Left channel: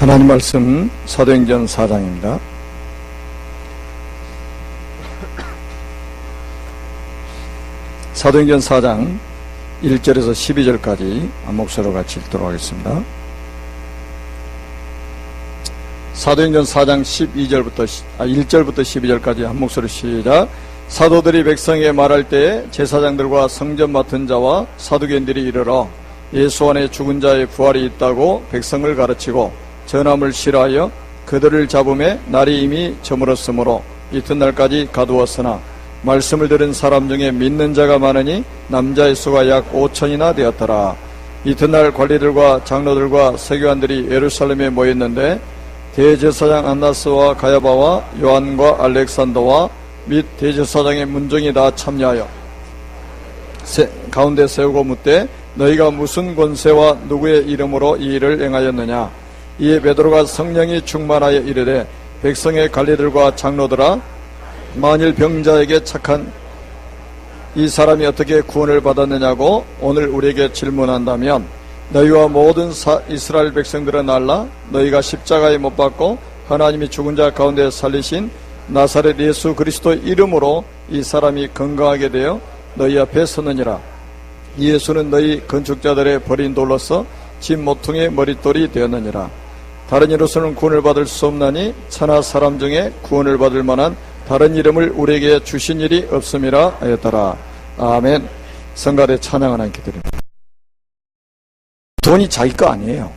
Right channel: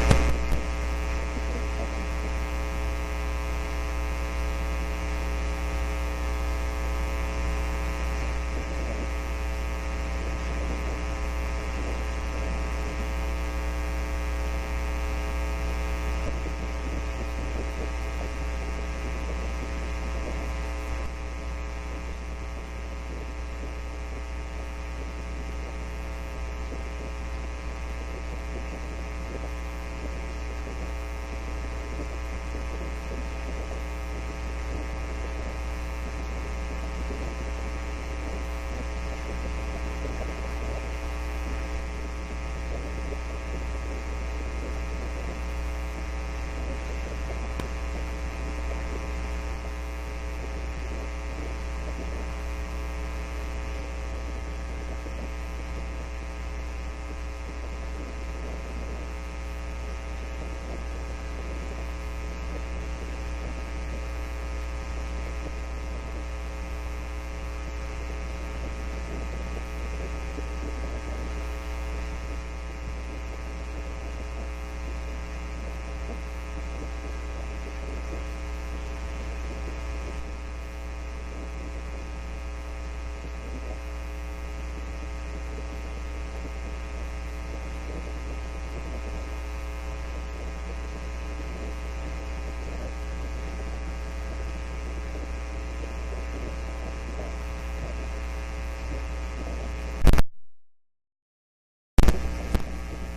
하나님 말씀 사도행전 4장입니다. 사도행전 4장 1절에서 12절까지 한 목소리로 같이 읽도록 하겠습니다. 사도행전 4장 1절부터 12절까지 한 목소리 시작. 사도들이 백성에게 말할 때에 제사장들과 성전 맡은 자와 사두개인들이 이르러 예수 안에 죽은 자의 부활이 있다고 백성을 가르치고 전함을 실하여 그들을 잡음에 날이 이미 저물었으므로 이튿날까지 가두었으나 말씀을 들은 사람 중에 믿는 자가 많으니 남자의 수가 약 5천이나 되었더라. 이튿날 관리들과 장로들과 서기관들이 예루살렘에 모였는데 대제사장 안나스와 가야바와 요한과 알렉산더와 및 대제사장의 문정이 다 참여하여 가운데 세우고 묻되 너희가 무슨 권세와 누구의 이름으로 이 일을 행하였느냐. 이에 베드로가 성령이 충만하여 이르되 백성의 관리들과 장로들아, 만일 병자에게 착한 이 사람이 어떻게 구원을 받았느냐고 오늘 우리에게 질문한다면 너희와 모든 이스라엘 백성들은 알라. 너희가 십자가에 못 박고 하나님이 죽은 자 가운데 살리신 나사렛 예수 그리스도의 이름으로 이 사람이 건강하게 되어 너희 앞에 섰느니라. 이 예수는 너희 건축자들의 버린 돌로서 집 모퉁이의 머릿돌이 되었느니라. 다른 이로서는 구원을 받을 수 없나니 천하 사람 중에 구원을 받을 만한 다른 이름을 우리에게 주신 일이 없음이라 하였더라. 아멘. 성가대 찬양 하나님께 드립니다. 돈이 자기 거 아니에요.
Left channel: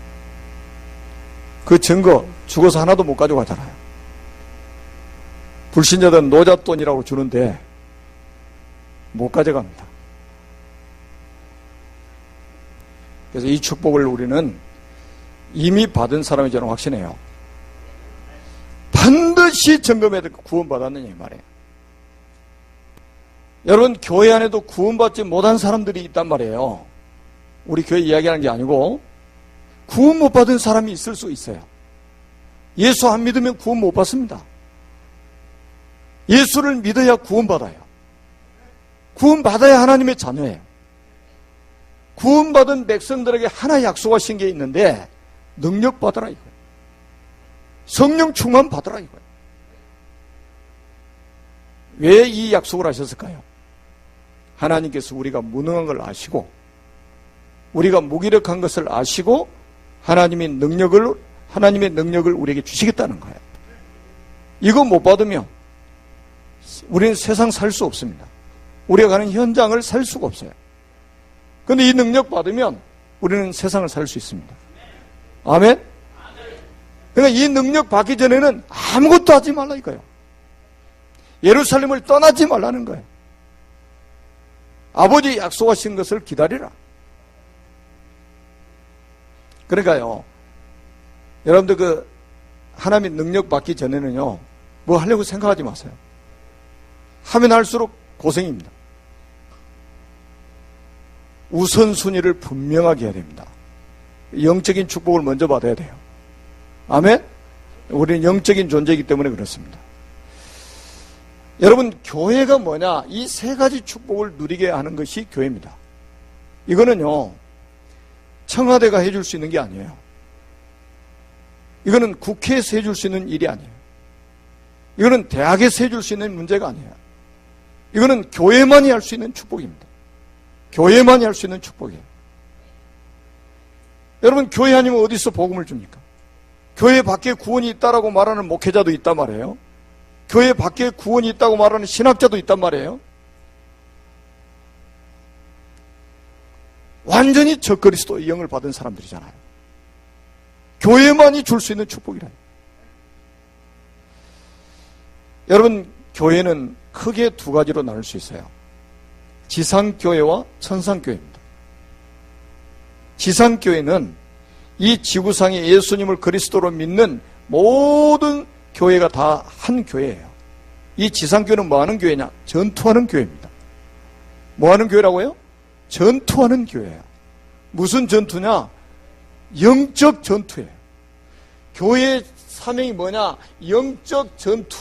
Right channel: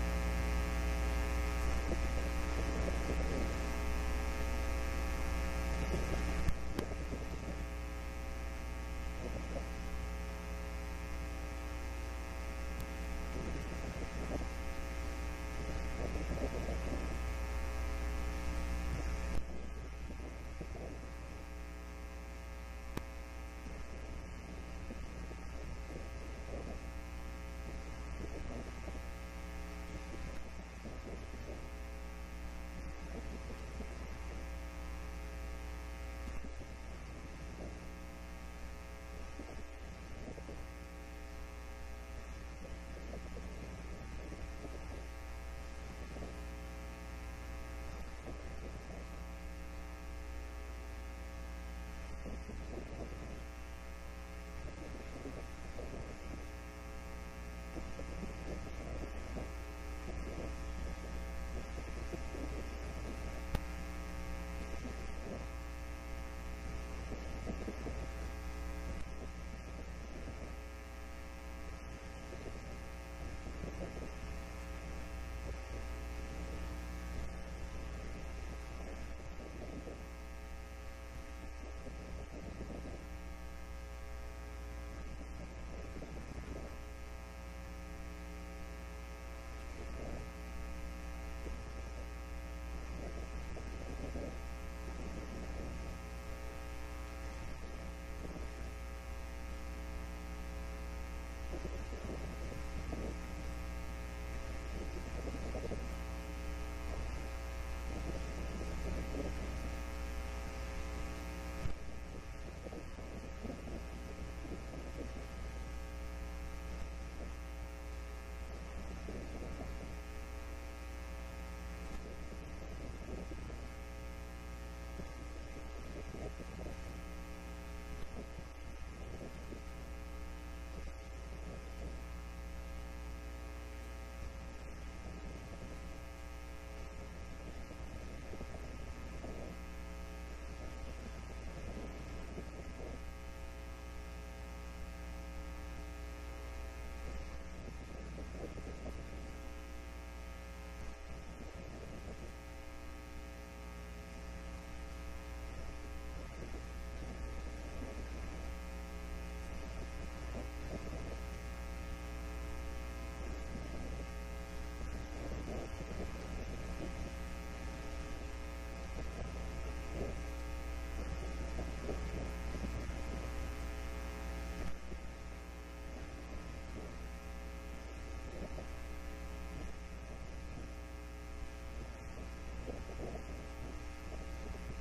그 증거 죽어서 하나도 못 가져가잖아요. 불신자들은 노잣돈이라고 주는데 못 가져갑니다. 그래서 이 축복을 우리는 이미 받은 사람이 저는 확신해요. 반드시 점검해야 될 구원받았느냐 이 말이에요. 여러분, 교회 안에도 구원받지 못한 사람들이 있단 말이에요. 우리 교회 이야기하는 게 아니고 구원 못 받은 사람이 있을 수 있어요. 예수 안 믿으면 구원 못 받습니다. 예수를 믿어야 구원받아요. 구원받아야 하나님의 자녀예요. 구원받은 백성들에게 하나 약속하신 게 있는데 능력 받으라 이거예요. 성령 충만 받으라 이거예요. 왜 이 약속을 하셨을까요? 하나님께서 우리가 무능한 걸 아시고 우리가 무기력한 것을 아시고 하나님의 능력을 우리에게 주시겠다는 거예요. 이거 못 받으면 우리는 세상 살 수 없습니다. 우리가 가는 현장을 살 수가 없어요. 그런데 이 능력 받으면 우리는 세상을 살 수 있습니다. 아멘? 그러니까 이 능력 받기 전에는 아무것도 하지 말라 이거예요. 예루살렘을 떠나지 말라는 거예요. 아버지 약속하신 것을 기다리라. 그러니까요, 여러분들 그 하나님의 능력 받기 전에는요, 뭐 하려고 생각하지 마세요. 하면 할수록 고생입니다. 우선순위를 분명하게 해야 됩니다. 영적인 축복을 먼저 받아야 돼요. 아멘? 우리는 영적인 존재이기 때문에 그렇습니다. 여러분, 교회가 뭐냐? 이 세 가지 축복을 누리게 하는 것이 교회입니다. 이거는요, 청와대가 해줄 수 있는 게 아니에요. 이거는 국회에서 해줄 수 있는 일이 아니에요. 이거는 대학에서 해줄 수 있는 문제가 아니에요. 이거는 교회만이 할 수 있는 축복입니다. 교회만이 할 수 있는 축복이에요. 여러분, 교회 아니면 어디서 복음을 줍니까? 교회 밖에 구원이 있다라고 말하는 목회자도 있단 말이에요. 교회 밖에 구원이 있다고 말하는 신학자도 있단 말이에요. 완전히 적그리스도의 영을 받은 사람들이잖아요. 교회만이 줄 수 있는 축복이라요. 여러분, 교회는 크게 두 가지로 나눌 수 있어요. 지상교회와 천상교회입니다. 지상교회는 이 지구상에 예수님을 그리스도로 믿는 모든 교회가 다 한 교회예요. 이 지상교회는 뭐 하는 교회냐? 전투하는 교회입니다. 뭐 하는 교회라고요? 전투하는 교회예요. 무슨 전투냐? 영적 전투예요. 교회의 사명이 뭐냐? 영적 전투.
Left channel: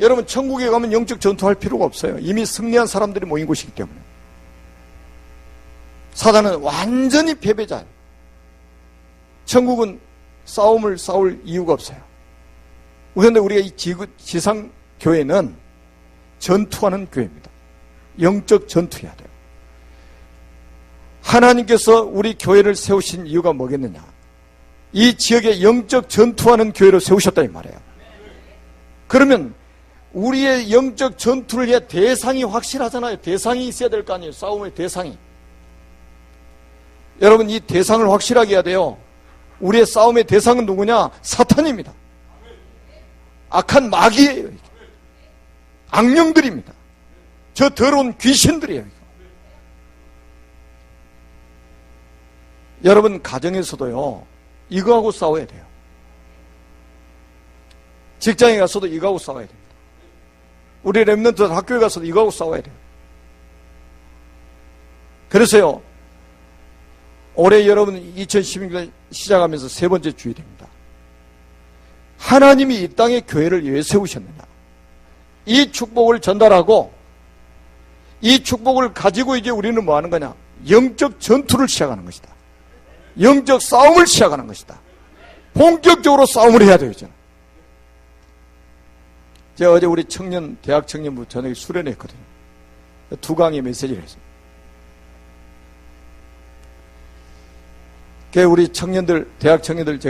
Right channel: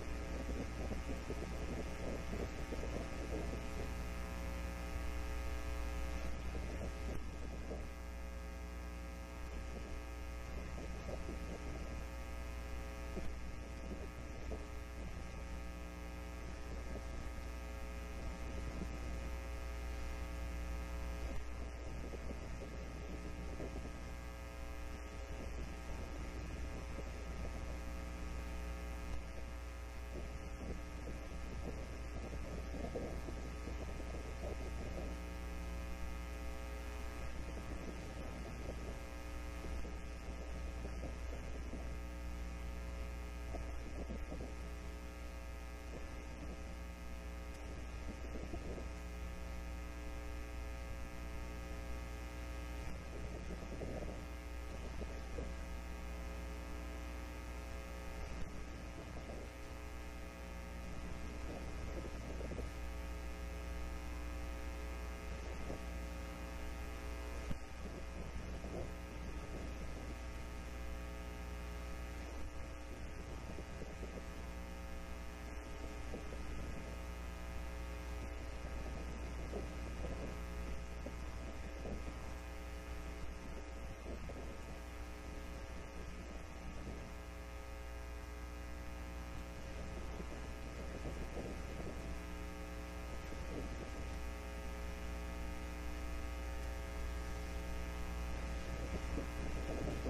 여러분, 천국에 가면 영적 전투할 필요가 없어요. 이미 승리한 사람들이 모인 곳이기 때문에. 사단은 완전히 패배자예요. 천국은 싸움을 싸울 이유가 없어요. 그런데 우리가 이 지상 교회는 전투하는 교회입니다. 영적 전투해야 돼요. 하나님께서 우리 교회를 세우신 이유가 뭐겠느냐? 이 지역에 영적 전투하는 교회로 세우셨다 이 말이에요. 그러면 우리의 영적 전투를 위해 대상이 확실하잖아요. 대상이 있어야 될 거 아니에요. 싸움의 대상이. 여러분, 이 대상을 확실하게 해야 돼요. 우리의 싸움의 대상은 누구냐? 사탄입니다. 악한 마귀예요. 악령들입니다. 저 더러운 귀신들이에요. 여러분, 가정에서도요, 이거하고 싸워야 돼요. 직장에 가서도 이거하고 싸워야 돼요. 우리 렘넌트 학교에 가서도 이거하고 싸워야 돼요. 그래서요, 올해 여러분 2016년 시작하면서 세 번째 주일입니다. 하나님이 이 땅에 교회를 왜 세우셨느냐? 이 축복을 전달하고 이 축복을 가지고 이제 우리는 뭐 하는 거냐? 영적 전투를 시작하는 것이다. 영적 싸움을 시작하는 것이다. 본격적으로 싸움을 해야 돼요. 제가 어제 우리 대학 청년부 저녁에 수련했거든요. 두 강의 메시지를 했어요. 우리 청년들, 대학 청년들,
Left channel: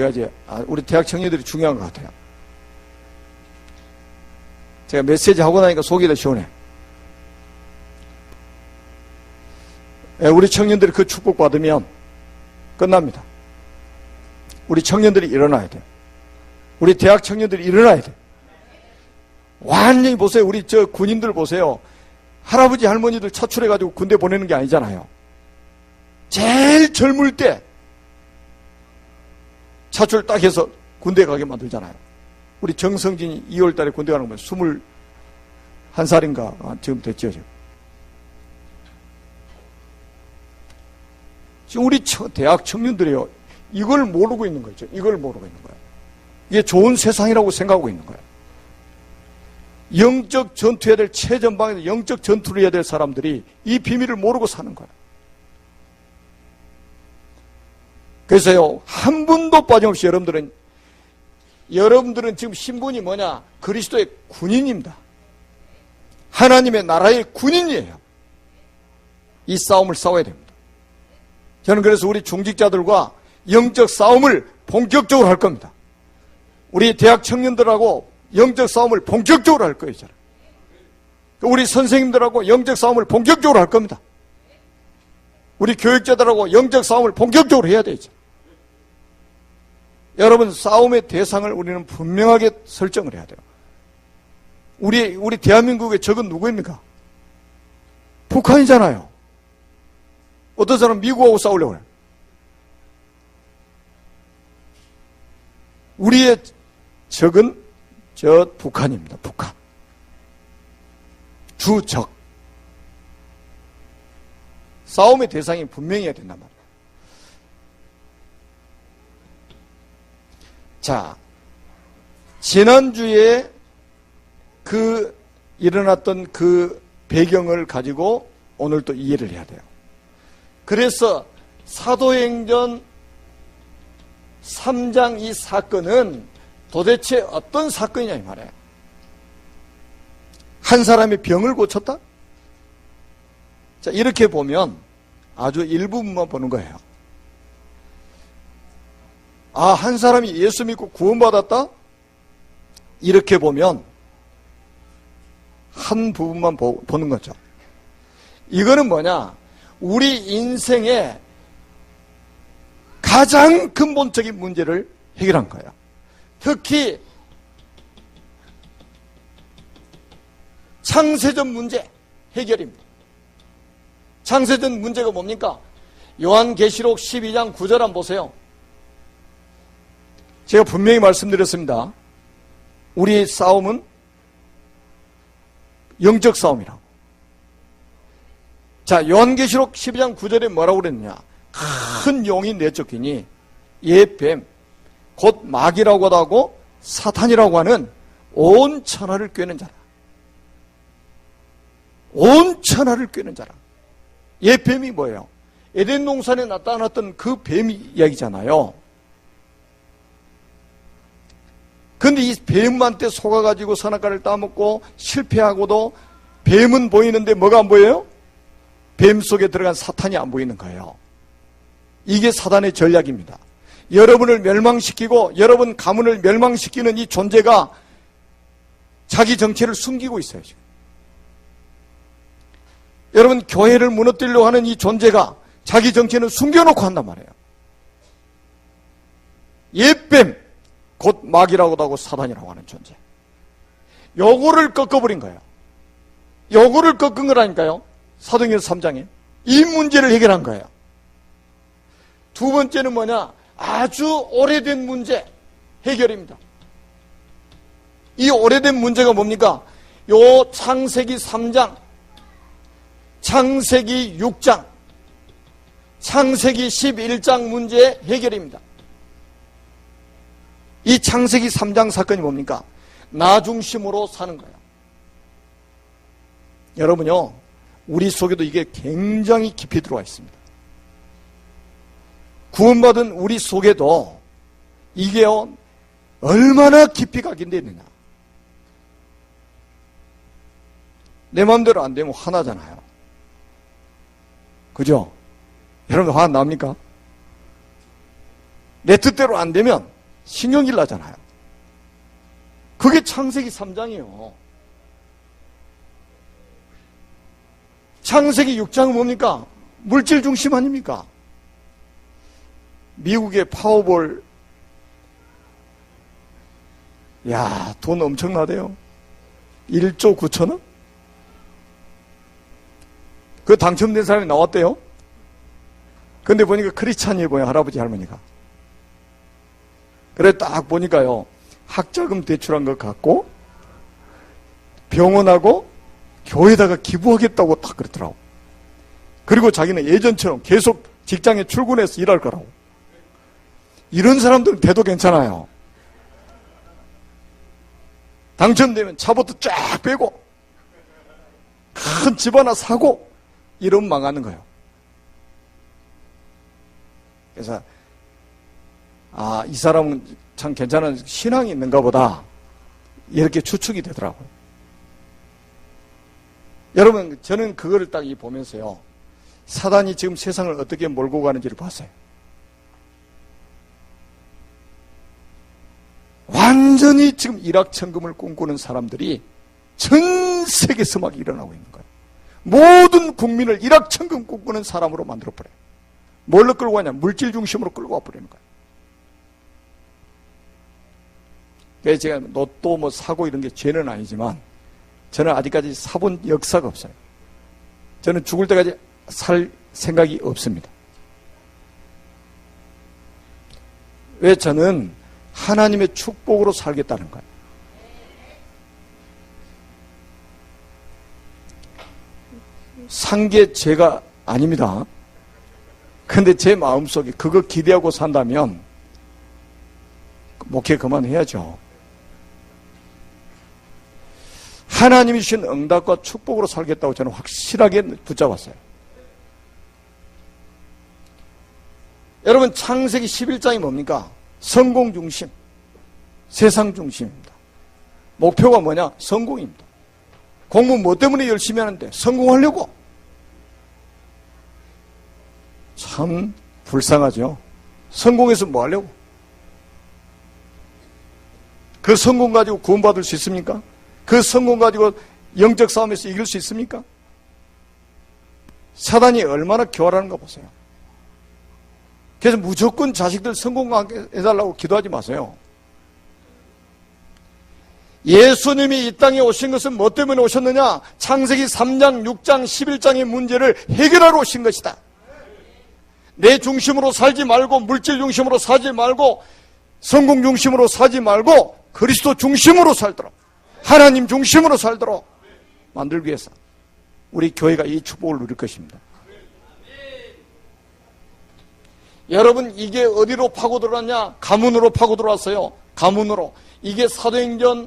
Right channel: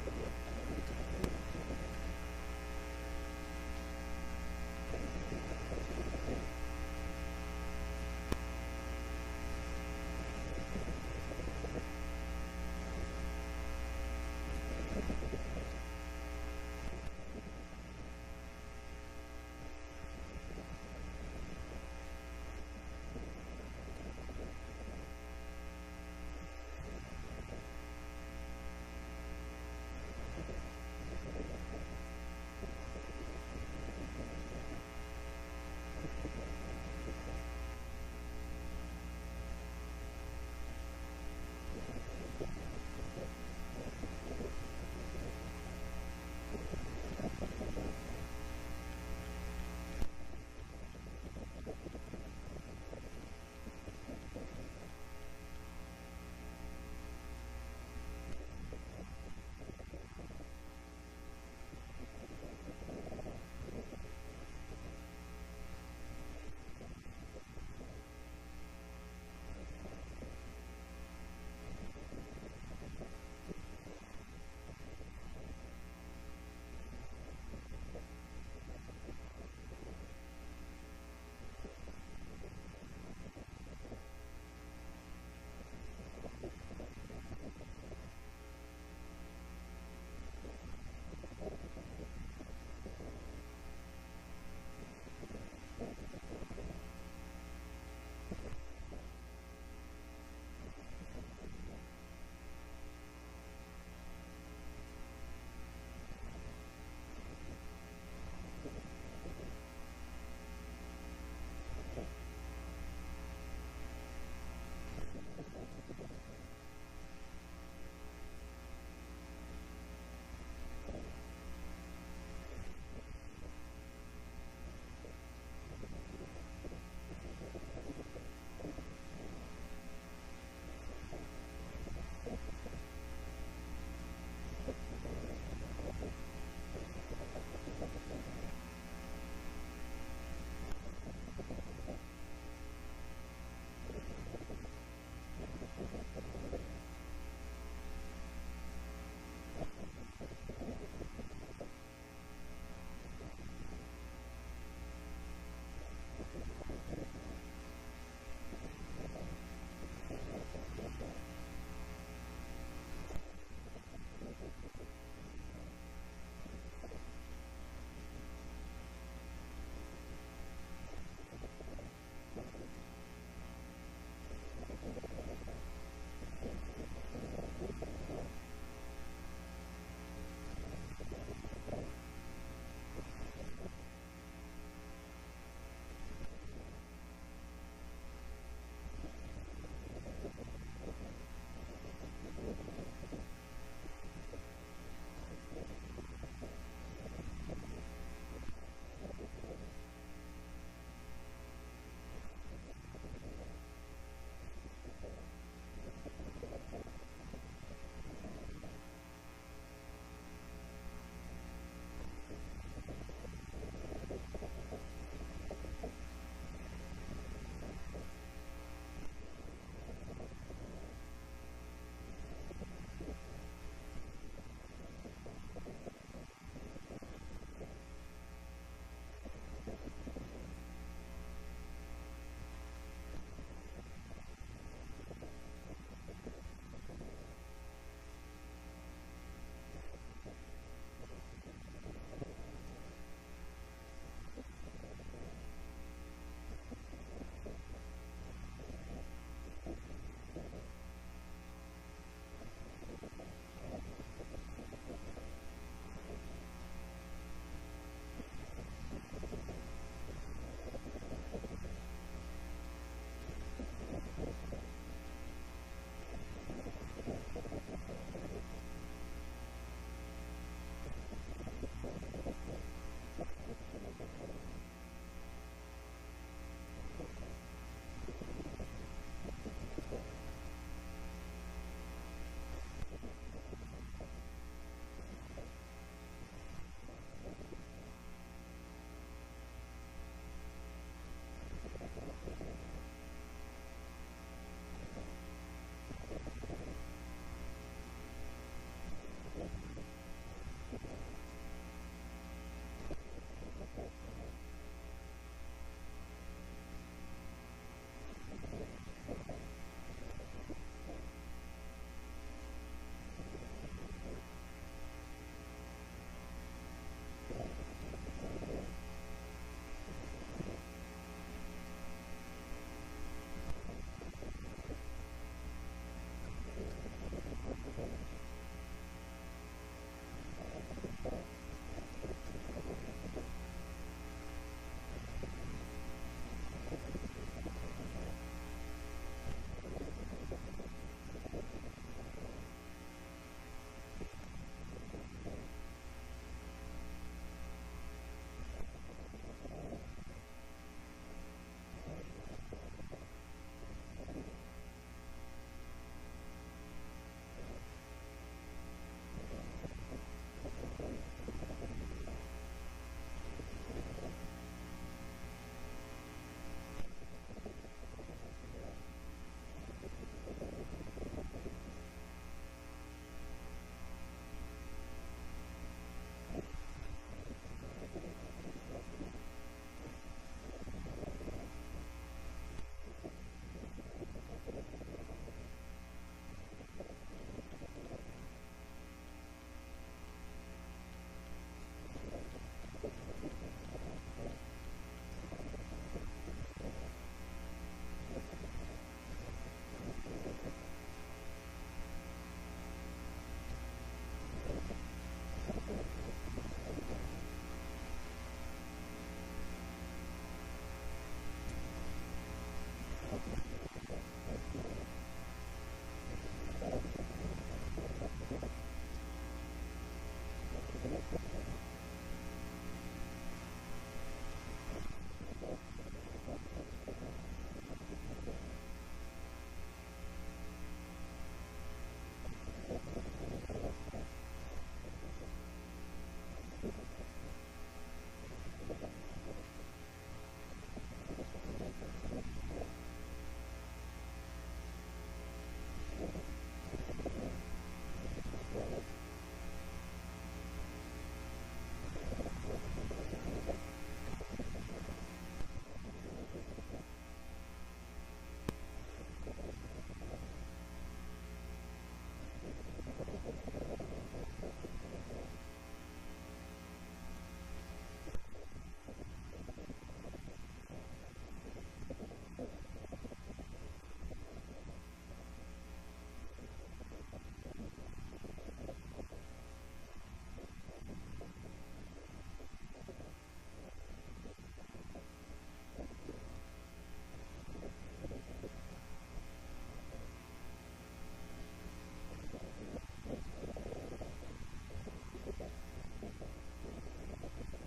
우리 대학 청년들이 중요한 것 같아요. 제가 메시지 하고 나니까 속이 더 시원해. 우리 청년들이 그 축복 받으면 끝납니다. 우리 청년들이 일어나야 돼. 우리 대학 청년들이 일어나야 돼. 완전히 보세요. 우리 저 군인들 보세요. 할아버지 할머니들 차출해가지고 군대 보내는 게 아니잖아요. 제일 젊을 때 차출 딱 해서 군대 가게 만들잖아요. 우리 정성진이 2월 달에 군대 가는 거 21살인가 지금 됐죠. 지금 우리 대학 청년들이요, 이걸 모르고 있는 거죠. 이걸 모르고 있는 거예요. 이게 좋은 세상이라고 생각하고 있는 거예요. 영적 전투해야 될 최전방에서 영적 전투를 해야 될 사람들이 이 비밀을 모르고 사는 거예요. 그래서요, 한 분도 빠짐없이 여러분들은 지금 신분이 뭐냐? 그리스도의 군인입니다. 하나님의 나라의 군인이에요. 이 싸움을 싸워야 됩니다. 저는 그래서 우리 중직자들과 영적 싸움을 본격적으로 할 겁니다. 우리 대학 청년들하고 영적 싸움을 본격적으로 할 거예요. 저는. 우리 선생님들하고 영적 싸움을 본격적으로 할 겁니다. 우리 교육자들하고 영적 싸움을 본격적으로 해야 되죠. 여러분, 싸움의 대상을 우리는 분명하게 설정을 해야 돼요. 우리 대한민국의 적은 누구입니까? 북한이잖아요. 어떤 사람 미국하고 싸우려고 해요. 우리의 적은 저 북한입니다. 북한. 주적. 싸움의 대상이 분명해야 된단 말이에요. 자, 지난주에 일어났던 그 배경을 가지고 오늘 또 이해를 해야 돼요. 그래서 사도행전 3장 이 사건은 도대체 어떤 사건이냐 이 말이에요. 한 사람이 병을 고쳤다? 자, 이렇게 보면 아주 일부분만 보는 거예요. 한 사람이 예수 믿고 구원받았다? 이렇게 보면 한 부분만 보는 거죠. 이거는 뭐냐? 우리 인생의 가장 근본적인 문제를 해결한 거예요. 특히 창세전 문제 해결입니다. 창세전 문제가 뭡니까? 요한계시록 12장 9절 한번 보세요. 제가 분명히 말씀드렸습니다. 우리의 싸움은 영적 싸움이라. 자, 요한계시록 12장 9절에 뭐라고 그랬느냐? 큰 용이 내쫓기니 옛뱀 곧 마귀라고도 하고 사탄이라고 하는 온 천하를 꿰는 자라. 온 천하를 꿰는 자라. 옛뱀이 뭐예요? 에덴 동산에 나타났던 그 뱀이 이야기잖아요. 근데 이 뱀한테 속아가지고 선악과를 따먹고 실패하고도 뱀은 보이는데 뭐가 안 보여요? 뱀 속에 들어간 사탄이 안 보이는 거예요. 이게 사단의 전략입니다. 여러분을 멸망시키고 여러분 가문을 멸망시키는 이 존재가 자기 정체를 숨기고 있어요. 지금. 여러분 교회를 무너뜨리려고 하는 이 존재가 자기 정체는 숨겨놓고 한단 말이에요. 옛뱀, 곧 마귀라고도 하고 사단이라고 하는 존재. 요거를 꺾어버린 거예요. 요거를 꺾은 거라니까요. 사도행전 3장에 이 문제를 해결한 거예요. 두 번째는 뭐냐? 아주 오래된 문제 해결입니다. 이 오래된 문제가 뭡니까? 요 창세기 3장, 창세기 6장, 창세기 11장 문제의 해결입니다. 이 창세기 3장 사건이 뭡니까? 나 중심으로 사는 거예요. 여러분요, 우리 속에도 이게 굉장히 깊이 들어와 있습니다. 구원받은 우리 속에도 이게요, 얼마나 깊이 각인되어 있느냐. 내 마음대로 안 되면 화나잖아요. 그죠? 여러분 화 안 납니까? 내 뜻대로 안 되면 신경질 나잖아요. 그게 창세기 3장이에요. 창세기 6장은 뭡니까? 물질 중심 아닙니까? 미국의 파워볼, 야, 돈 엄청나대요. 1조 9천억? 그 당첨된 사람이 나왔대요. 근데 보니까 크리스찬이 보여, 할아버지 할머니가. 그래 딱 보니까요, 학자금 대출한 것 같고 병원하고 교회에다가 기부하겠다고 딱 그러더라고. 그리고 자기는 예전처럼 계속 직장에 출근해서 일할 거라고. 이런 사람들은 돼도 괜찮아요. 당첨되면 차부터 쫙 빼고 큰 집 하나 사고 이러면 망하는 거예요. 그래서 아, 이 사람은 참 괜찮은 신앙이 있는가 보다 이렇게 추측이 되더라고요. 여러분, 저는 그거를 딱 보면서요, 사단이 지금 세상을 어떻게 몰고 가는지를 봤어요. 완전히 지금 일확천금을 꿈꾸는 사람들이 전 세계에서 막 일어나고 있는 거예요. 모든 국민을 일확천금 꿈꾸는 사람으로 만들어버려요. 뭘로 끌고 가냐? 물질 중심으로 끌고 와버리는 거예요. 그래서 제가 로또 뭐 사고 이런 게 죄는 아니지만 저는 아직까지 사본 역사가 없어요. 저는 죽을 때까지 살 생각이 없습니다. 왜? 저는 하나님의 축복으로 살겠다는 거예요. 산 게 죄가 아닙니다. 근데 제 마음속에 그거 기대하고 산다면 목회 그만해야죠. 하나님이 주신 응답과 축복으로 살겠다고 저는 확실하게 붙잡았어요. 여러분, 창세기 11장이 뭡니까? 성공 중심, 세상 중심입니다. 목표가 뭐냐? 성공입니다. 공부 뭐 때문에 열심히 하는데? 성공하려고. 참 불쌍하죠. 성공해서 뭐 하려고? 그 성공 가지고 구원받을 수 있습니까? 그 성공 가지고 영적 싸움에서 이길 수 있습니까? 사단이 얼마나 교활하는가 보세요. 그래서 무조건 자식들 성공하게 해달라고 기도하지 마세요. 예수님이 이 땅에 오신 것은 뭐 때문에 오셨느냐? 창세기 3장, 6장, 11장의 문제를 해결하러 오신 것이다. 내 중심으로 살지 말고, 물질 중심으로 살지 말고, 성공 중심으로 살지 말고 그리스도 중심으로 살도록, 하나님 중심으로 살도록 만들기 위해서 우리 교회가 이 축복을 누릴 것입니다. 여러분, 이게 어디로 파고들었냐? 가문으로 파고들었어요. 가문으로. 이게 사도행전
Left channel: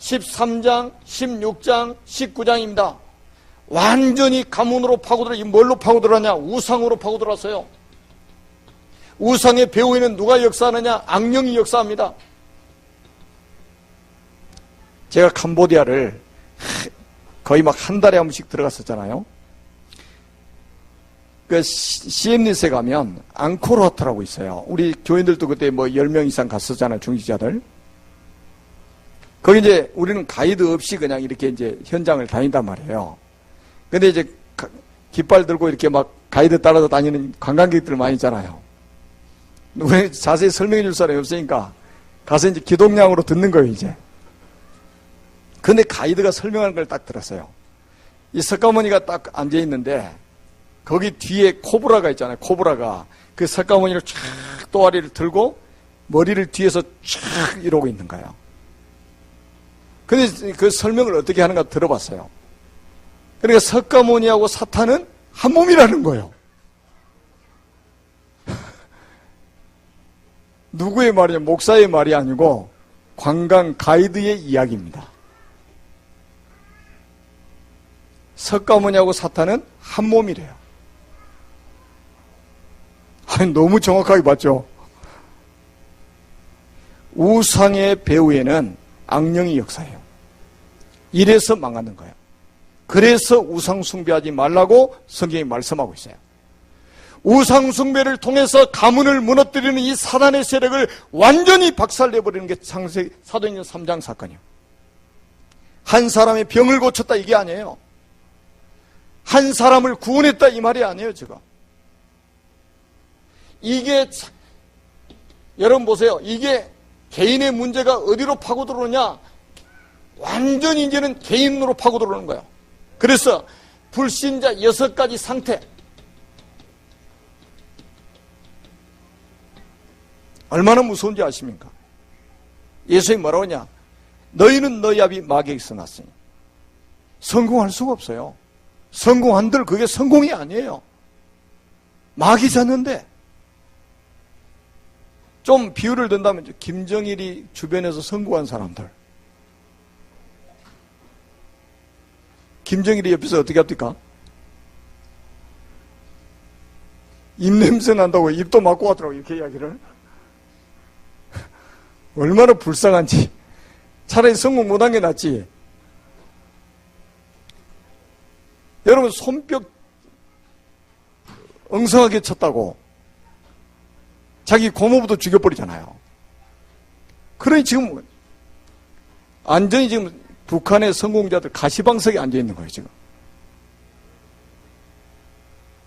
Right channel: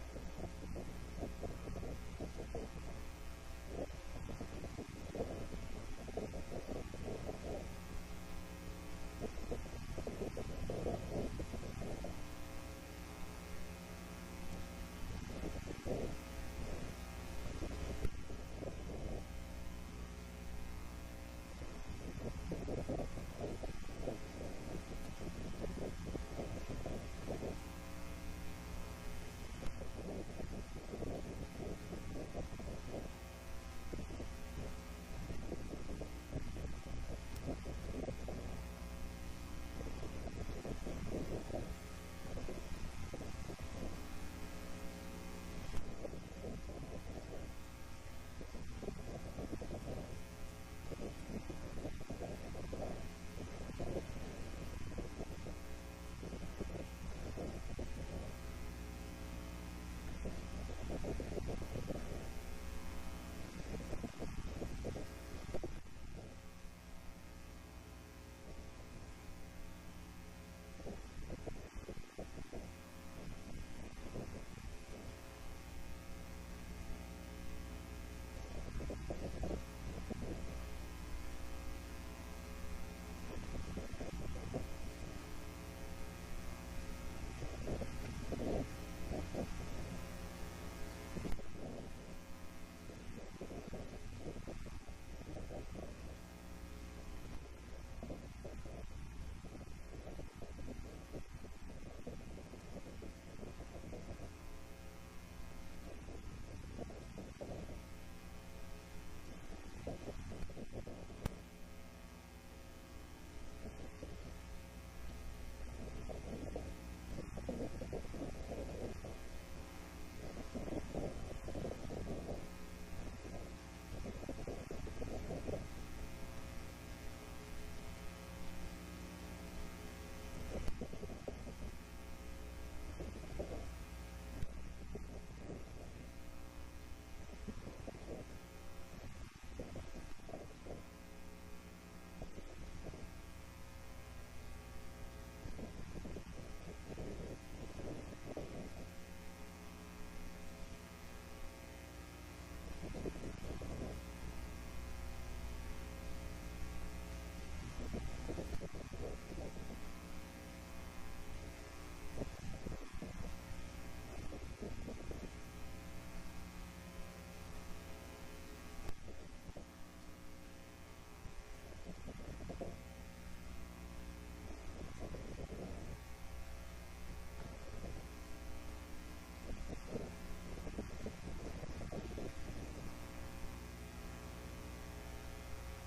13장, 16장, 19장입니다. 완전히 가문으로 파고들어. 이 뭘로 파고들었냐? 우상으로 파고들었어요. 우상의 배후에는 누가 역사하느냐? 악령이 역사합니다. 제가 캄보디아를 거의 막 한 달에 한 번씩 들어갔었잖아요. 그 시엠리스에 가면 앙코르와트라고 있어요. 우리 교인들도 그때 뭐 10명 이상 갔었잖아요, 중직자들. 거기 이제 우리는 가이드 없이 그냥 이렇게 이제 현장을 다닌단 말이에요. 근데 이제 깃발 들고 이렇게 막 가이드 따라서 다니는 관광객들 많이 있잖아요. 왜 자세히 설명해 줄 사람이 없으니까 가서 이제 기동량으로 듣는 거예요, 이제. 근데 가이드가 설명하는 걸 딱 들었어요. 이 석가모니가 딱 앉아 있는데 거기 뒤에 코브라가 있잖아요. 코브라가 그 석가모니를 쫙 또아리를 들고 머리를 뒤에서 쫙 이러고 있는 거예요. 근데 그 설명을 어떻게 하는가 들어봤어요. 그러니까 석가모니하고 사탄은 한 몸이라는 거예요. 누구의 말이냐? 목사의 말이 아니고 관광 가이드의 이야기입니다. 석가모니하고 사탄은 한 몸이래요. 아니, 너무 정확하게 봤죠? 우상의 배후에는 악령이 역사해요. 이래서 망하는 거예요. 그래서 우상 숭배하지 말라고 성경이 말씀하고 있어요. 우상 숭배를 통해서 가문을 무너뜨리는 이 사단의 세력을 완전히 박살내버리는 게 창세기 사도행전 3장 사건이에요. 한 사람의 병을 고쳤다 이게 아니에요. 한 사람을 구원했다 이 말이 아니에요, 지금. 이게 여러분 보세요. 이게 개인의 문제가 어디로 파고들어오냐? 완전히 이제는 개인으로 파고들어오는 거예요. 그래서 불신자 6가지 상태. 얼마나 무서운지 아십니까? 예수님이 뭐라고 하냐? 너희는 너희 아비 마귀에게서 났으니 성공할 수가 없어요. 성공한들 그게 성공이 아니에요. 마귀 잤는데. 좀 비유를 든다면 김정일이 주변에서 성공한 사람들, 김정일이 옆에서 어떻게 합니까? 입냄새 난다고 입도 막고 하더라고, 이렇게 이야기를. 얼마나 불쌍한지. 차라리 성공 못한 게 낫지. 여러분, 손뼉 엉성하게 쳤다고 자기 고모부도 죽여버리잖아요. 그러니 지금 완전히 지금 북한의 성공자들 가시방석에 앉아있는 거예요, 지금.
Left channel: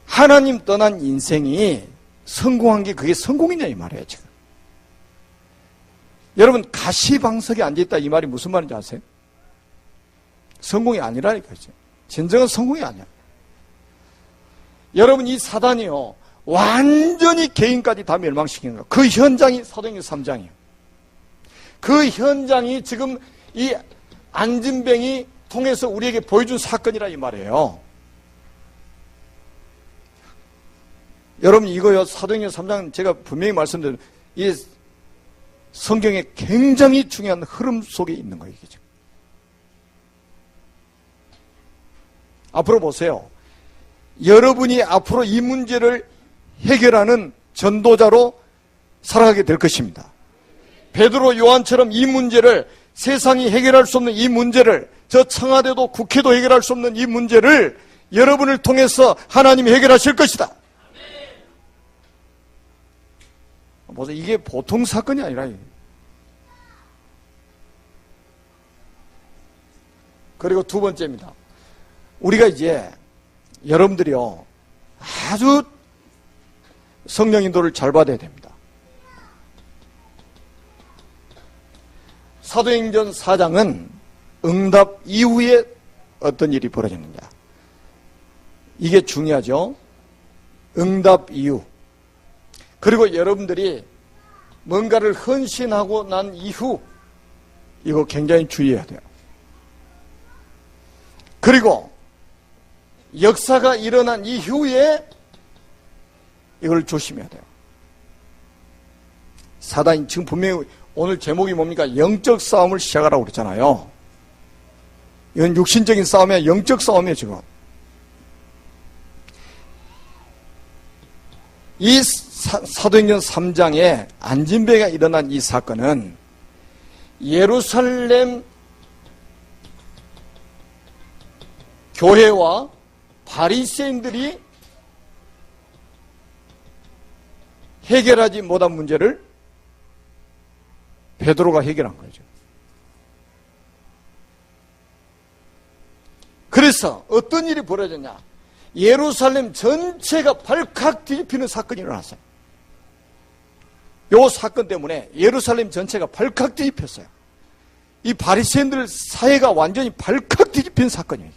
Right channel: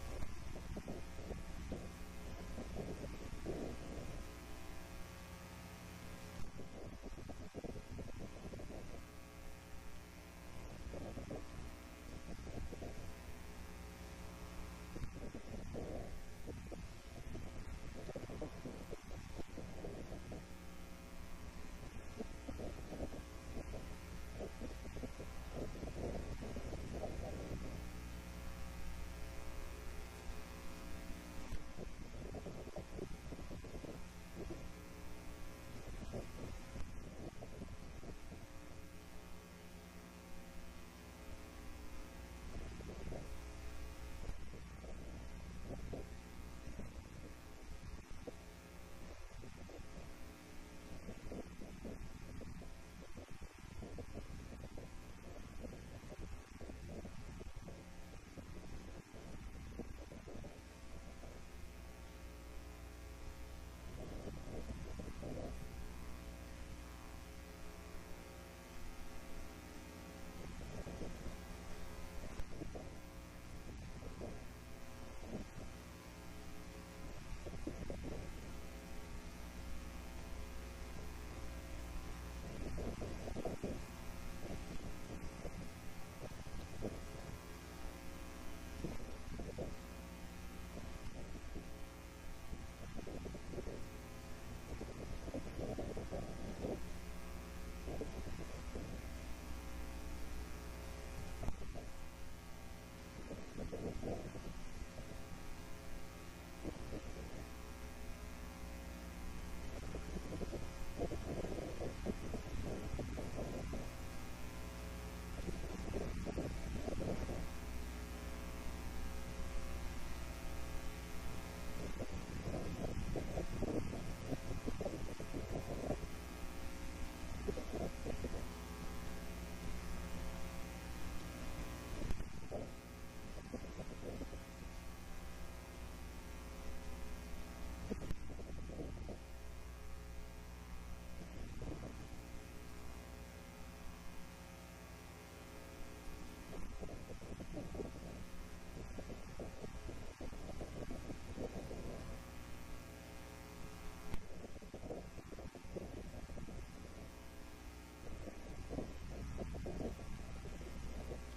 하나님 떠난 인생이 성공한 게 그게 성공이냐 이 말이에요, 지금. 여러분, 가시방석에 앉아있다 이 말이 무슨 말인지 아세요? 성공이 아니라니까요. 진정한 성공이 아니야. 여러분, 이 사단이요, 완전히 개인까지 다 멸망시키는 거예요. 그 현장이 사도행전 3장이에요. 그 현장이 지금 이 안진뱅이 통해서 우리에게 보여준 사건이라 이 말이에요. 여러분, 이거요, 사도행전 3장 제가 분명히 말씀드린 이 성경에 굉장히 중요한 흐름 속에 있는 거예요, 이게 지금. 앞으로 보세요. 여러분이 앞으로 이 문제를 해결하는 전도자로 살아가게 될 것입니다. 베드로 요한처럼 이 문제를, 세상이 해결할 수 없는 이 문제를, 저 청와대도 국회도 해결할 수 없는 이 문제를 여러분을 통해서 하나님이 해결하실 것이다. 보세요. 이게 보통 사건이 아니라. 그리고 두 번째입니다. 우리가 이제 여러분들이요, 아주 성령 인도를 잘 받아야 됩니다. 사도행전 4장은 응답 이후에 어떤 일이 벌어지느냐, 이게 중요하죠. 응답 이후. 그리고 여러분들이 뭔가를 헌신하고 난 이후, 이거 굉장히 주의해야 돼요. 그리고 역사가 일어난 이후에 이걸 조심해야 돼요. 사단이 지금 분명히 오늘 제목이 뭡니까? 영적 싸움을 시작하라고 그랬잖아요. 이건 육신적인 싸움이 아니라 영적 싸움이에요, 지금. 이 사도행전 3장에 안진뱅이가 일어난 이 사건은 예루살렘 교회와 바리새인들이 해결하지 못한 문제를 베드로가 해결한 거죠. 그래서 어떤 일이 벌어졌냐? 예루살렘 전체가 발칵 뒤집히는 사건이 일어났어요. 이 사건 때문에 예루살렘 전체가 발칵 뒤집혔어요. 이 바리새인들 사회가 완전히 발칵 뒤집힌 사건이에요.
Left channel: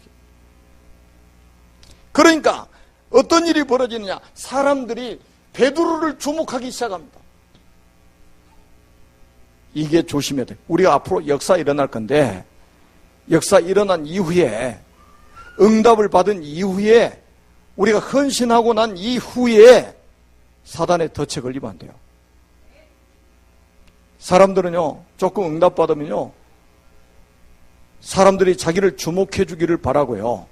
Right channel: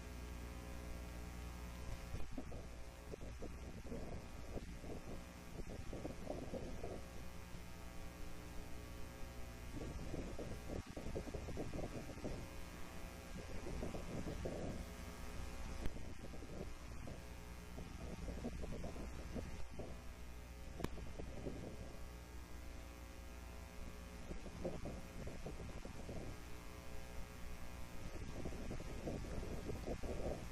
그러니까 어떤 일이 벌어지느냐? 사람들이 베드로를 주목하기 시작합니다. 이게 조심해야 돼요. 우리가 앞으로 역사 일어날 건데, 역사 일어난 이후에, 응답을 받은 이후에, 우리가 헌신하고 난 이후에 사단의 덫에 걸리면 안 돼요. 사람들은요, 조금 응답받으면요, 사람들이 자기를 주목해 주기를 바라고요,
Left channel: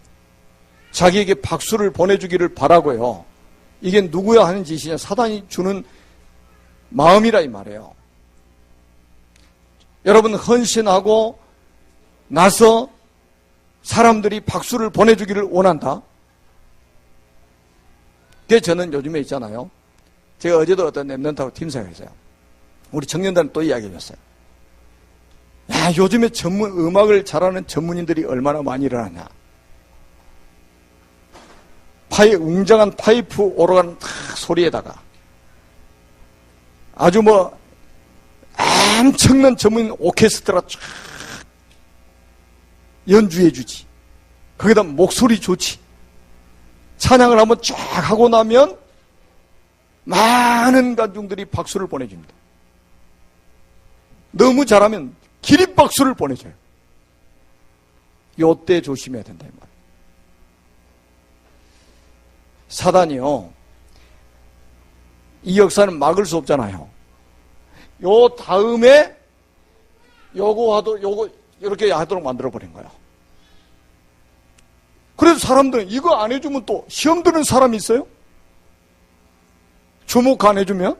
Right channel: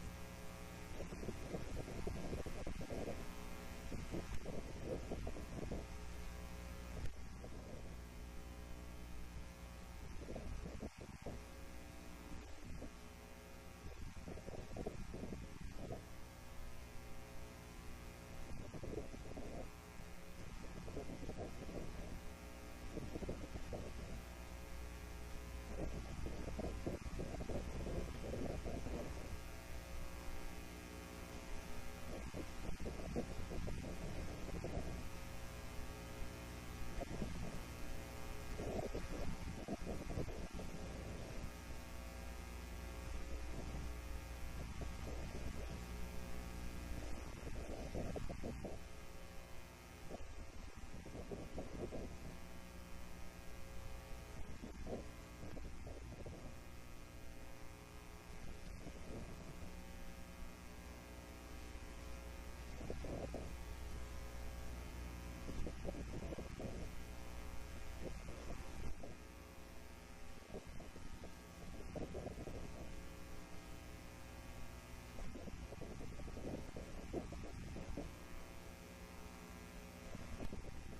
자기에게 박수를 보내주기를 바라고요. 이게 누구야 하는 짓이냐? 사단이 주는 마음이라 이 말이에요. 여러분, 헌신하고 나서 사람들이 박수를 보내주기를 원한다. 그게 저는 요즘에 있잖아요. 제가 어제도 어떤 랩런트하고 팀사였어요. 우리 청년들은 또 이야기해줬어요. 야, 요즘에 음악을 잘하는 전문인들이 얼마나 많이 일어났냐. 웅장한 파이프 오르간 소리에다가 아주 엄청난 전문 오케스트라 쫙 연주해주지. 거기다 목소리 좋지. 찬양을 한번 쫙 하고 나면 많은 관중들이 박수를 보내줍니다. 너무 잘하면 기립박수를 보내줘요. 요때 조심해야 된다. 사단이요, 이 역사는 막을 수 없잖아요. 요 다음에 요거 이렇게 하도록 만들어버린 거야. 그래서 사람들은 이거 안 해주면 또 시험 드는 사람이 있어요? 주목 안 해주면?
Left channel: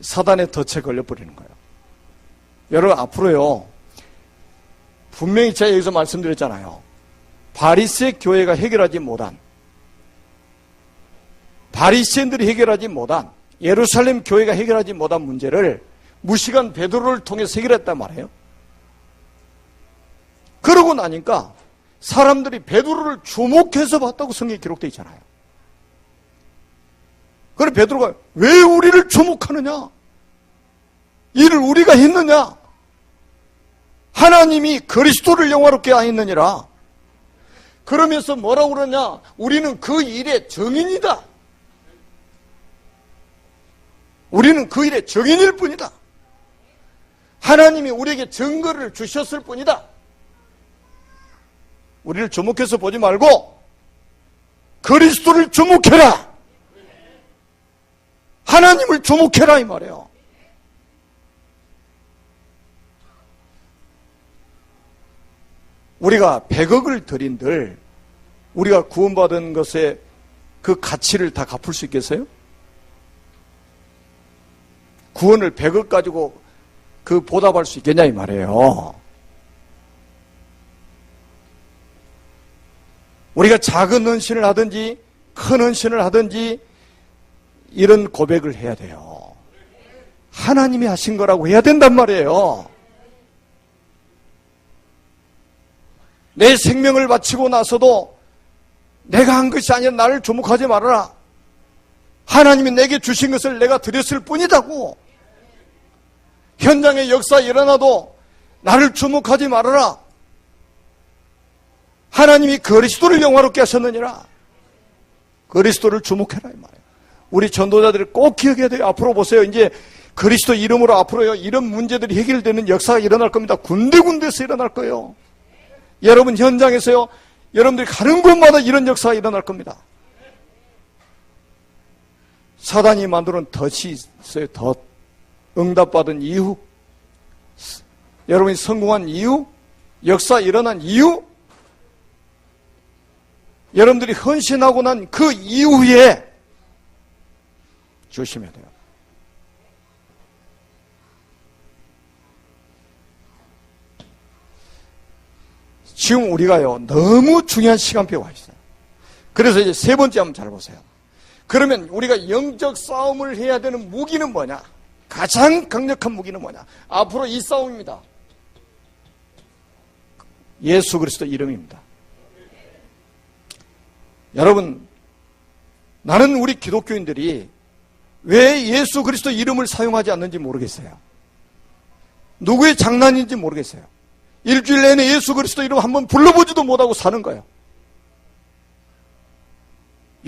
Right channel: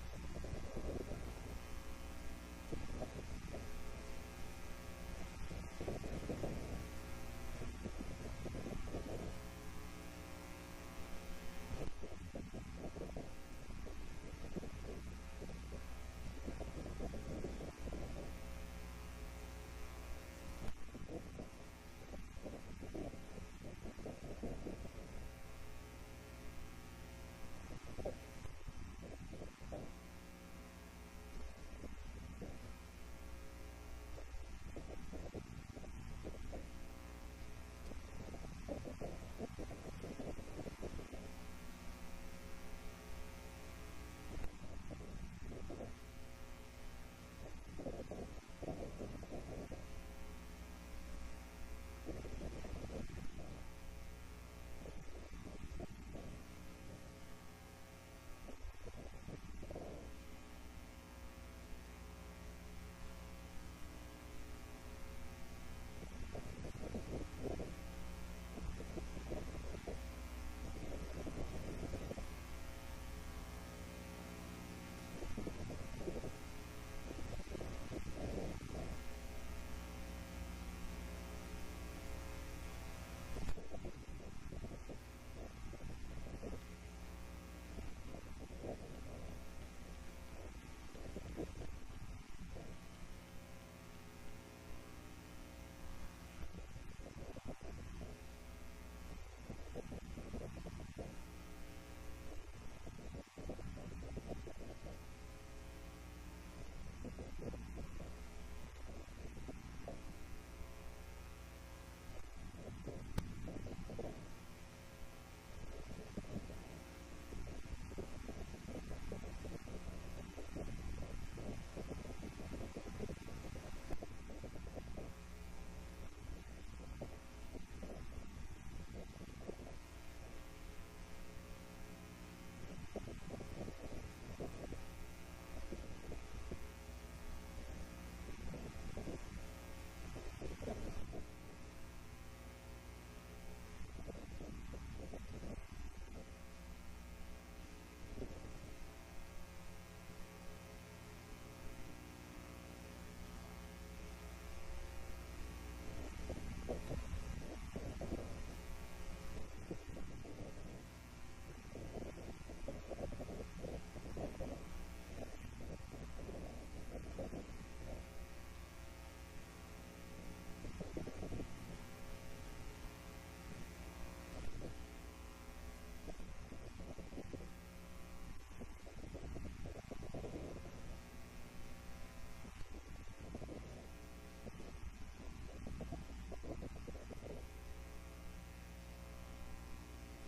사단의 덫에 걸려버리는 거예요. 여러분, 앞으로요, 분명히 제가 여기서 말씀드렸잖아요. 바리새 교회가 해결하지 못한, 바리새인들이 해결하지 못한, 예루살렘 교회가 해결하지 못한 문제를 무시간 베드로를 통해서 해결했단 말이에요. 그러고 나니까 사람들이 베드로를 주목해서 봤다고 성경에 기록되어 있잖아요. 그래 베드로가 왜 우리를 주목하느냐? 이를 우리가 했느냐? 하나님이 그리스도를 영화롭게 하였느니라. 그러면서 뭐라고 그러냐? 우리는 그 일의 증인이다. 우리는 그 일의 증인일 뿐이다. 하나님이 우리에게 증거를 주셨을 뿐이다. 우리를 주목해서 보지 말고 그리스도를 주목해라. 하나님을 주목해라 이 말이에요. 우리가 100억을 드린들 우리가 구원받은 것의 그 가치를 다 갚을 수 있겠어요? 구원을 100억 가지고 그 보답할 수 있겠냐 이 말이에요. 우리가 작은 헌신을 하든지 큰 헌신을 하든지 이런 고백을 해야 돼요. 하나님이 하신 거라고 해야 된단 말이에요. 내 생명을 바치고 나서도 내가 한 것이 아니라 나를 주목하지 말아라. 하나님이 내게 주신 것을 내가 드렸을 뿐이다고. 현장에 역사 일어나도 나를 주목하지 말아라. 하나님이 그리스도를 영화롭게 하셨느니라. 그리스도를 주목해라 이 말이에요. 우리 전도자들이 꼭 기억해야 돼요. 앞으로 보세요. 이제 그리스도 이름으로 앞으로요 이런 문제들이 해결되는 역사가 일어날 겁니다. 군데군데서 일어날 거예요. 여러분 현장에서요 여러분들이 가는 곳마다 이런 역사가 일어날 겁니다. 사단이 만드는 덫이 있어요. 덫. 응답받은 이유, 여러분이 성공한 이유, 역사 일어난 이유, 여러분들이 헌신하고 난 그 이후에 조심해야 돼요. 지금 우리가요, 너무 중요한 시간표에 와 있어요. 그래서 이제 세 번째 한번 잘 보세요. 그러면 우리가 영적 싸움을 해야 되는 무기는 뭐냐? 가장 강력한 무기는 뭐냐? 앞으로 이 싸움입니다. 예수 그리스도 이름입니다. 여러분, 나는 우리 기독교인들이 왜 예수 그리스도 이름을 사용하지 않는지 모르겠어요. 누구의 장난인지 모르겠어요. 일주일 내내 예수 그리스도 이름 한번 불러보지도 못하고 사는 거예요.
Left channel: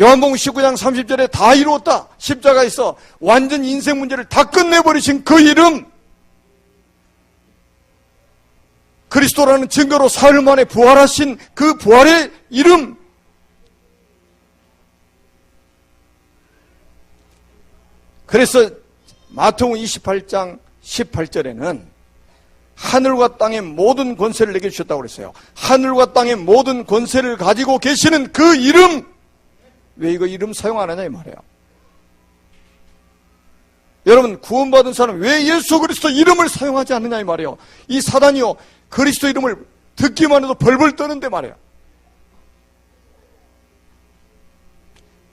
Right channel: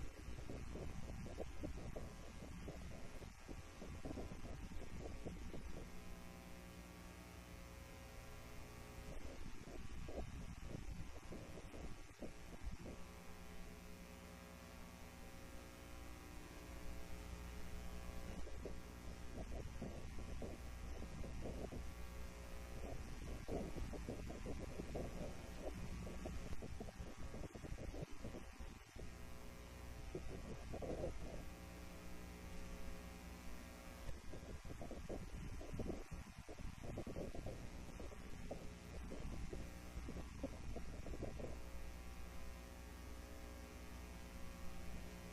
요한복음 19장 30절에 다 이루었다. 십자가에서 완전 인생 문제를 다 끝내버리신 그 이름, 그리스도라는 증거로 사흘 만에 부활하신 그 부활의 이름, 그래서 마태복음 28장 18절에는 하늘과 땅의 모든 권세를 내게 주셨다고 그랬어요. 하늘과 땅의 모든 권세를 가지고 계시는 그 이름, 왜 이거 이름 사용 안 하냐 이 말이에요. 여러분, 구원받은 사람 왜 예수 그리스도 이름을 사용하지 않느냐 이 말이에요. 이 사단이요, 그리스도 이름을 듣기만 해도 벌벌 떠는데 말이에요.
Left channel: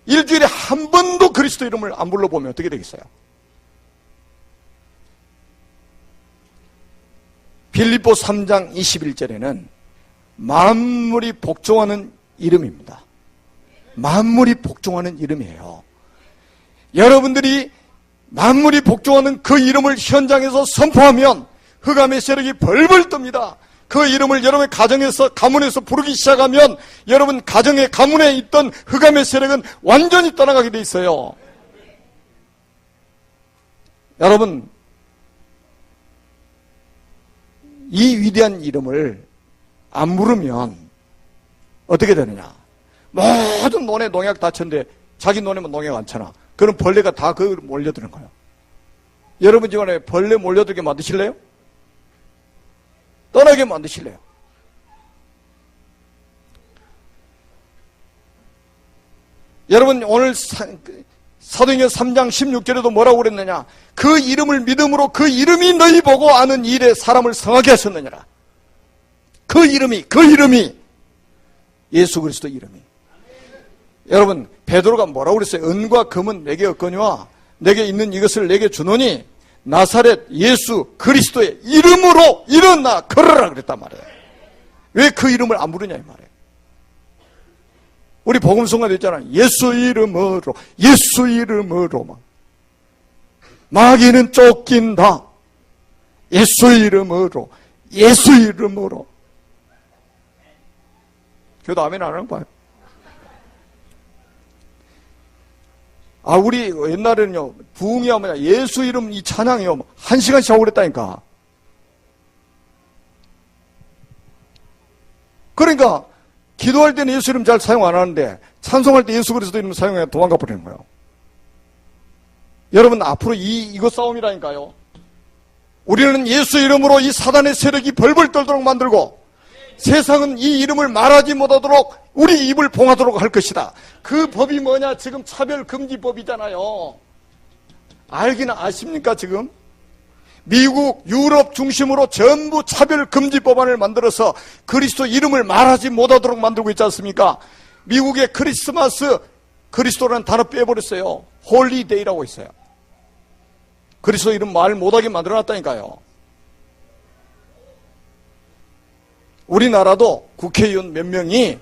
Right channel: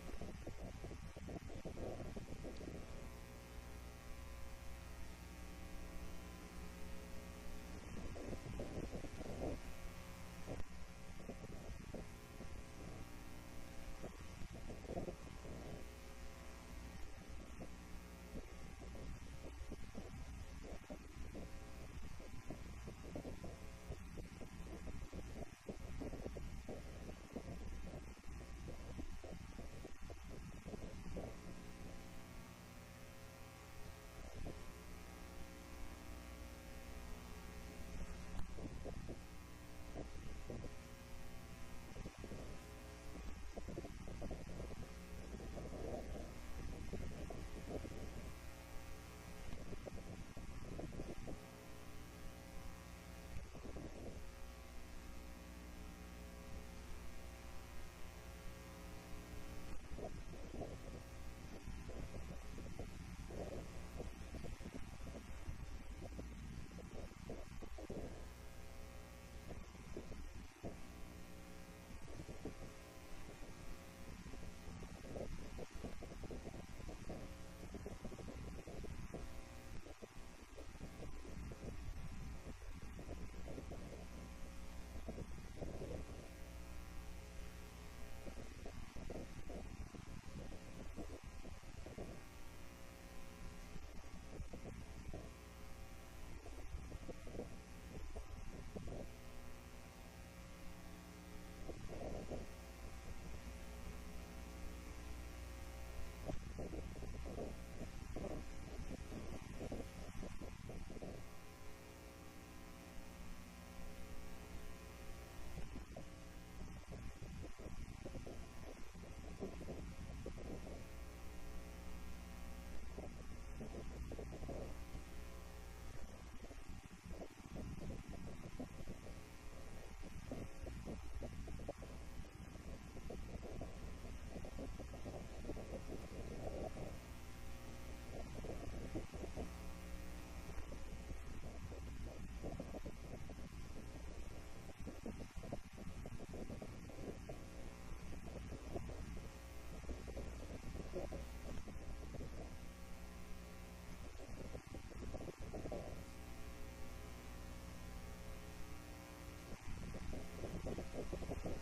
일주일에 한 번도 그리스도 이름을 안 불러보면 어떻게 되겠어요? 빌립보 3장 21절에는 만물이 복종하는 이름입니다. 만물이 복종하는 이름이에요. 여러분들이 만물이 복종하는 그 이름을 현장에서 선포하면 흑암의 세력이 벌벌 뜹니다. 그 이름을 여러분의 가정에서, 가문에서 부르기 시작하면 여러분 가정의 가문에 있던 흑암의 세력은 완전히 떠나가게 돼 있어요. 여러분, 이 위대한 이름을 안 부르면 어떻게 되느냐? 모든 논에 농약 다 쳤는데 자기 논에만 농약 안 쳐놔. 그럼 벌레가 다 그걸 몰려드는 거예요. 여러분 집안에 벌레 몰려들게 만드실래요? 떠나게 만드실래요? 여러분, 오늘 사도행전 3장 16절에도 뭐라고 그랬느냐? 그 이름을 믿음으로 그 이름이 너희 보고 아는 일에 사람을 성하게 하셨느니라. 그 이름이 예수 그리스도 이름이. 여러분, 베드로가 뭐라고 그랬어요? 은과 금은 내게 없거니와 내게 있는 이것을 내게 주노니 나사렛 예수 그리스도의 이름으로 일어나 걸어라 그랬단 말이에요. 왜 그 이름을 안 부르냐 이 말이에요. 우리 복음성가도 있잖아요. 예수 이름으로, 예수 이름으로 막. 마귀는 쫓긴다. 예수 이름으로, 예수 이름으로. 그래도 아멘 안 하는 거 봐요. 아, 우리 옛날에는요, 부흥이 하면 예수 이름 이 찬양이요, 1시간씩 하고 그랬다니까. 그러니까, 기도할 때는 예수 이름 잘 사용 안 하는데, 찬송할 때 예수 그리스도 이름 사용해 도망가 버리는 거예요. 여러분, 앞으로 이거 싸움이라니까요. 우리는 예수 이름으로 이 사단의 세력이 벌벌 떨도록 만들고, 세상은 이 이름을 말하지 못하도록 우리 입을 봉하도록 할 것이다. 그 법이 뭐냐? 지금 차별금지법이잖아요. 알기는 아십니까 지금? 미국, 유럽 중심으로 전부 차별금지법안을 만들어서 그리스도 이름을 말하지 못하도록 만들고 있지 않습니까? 미국의 크리스마스, 그리스도라는 단어 빼버렸어요. 홀리데이라고 있어요. 그리스도 이름 말 못하게 만들어놨다니까요. 우리나라도 국회의원 몇 명이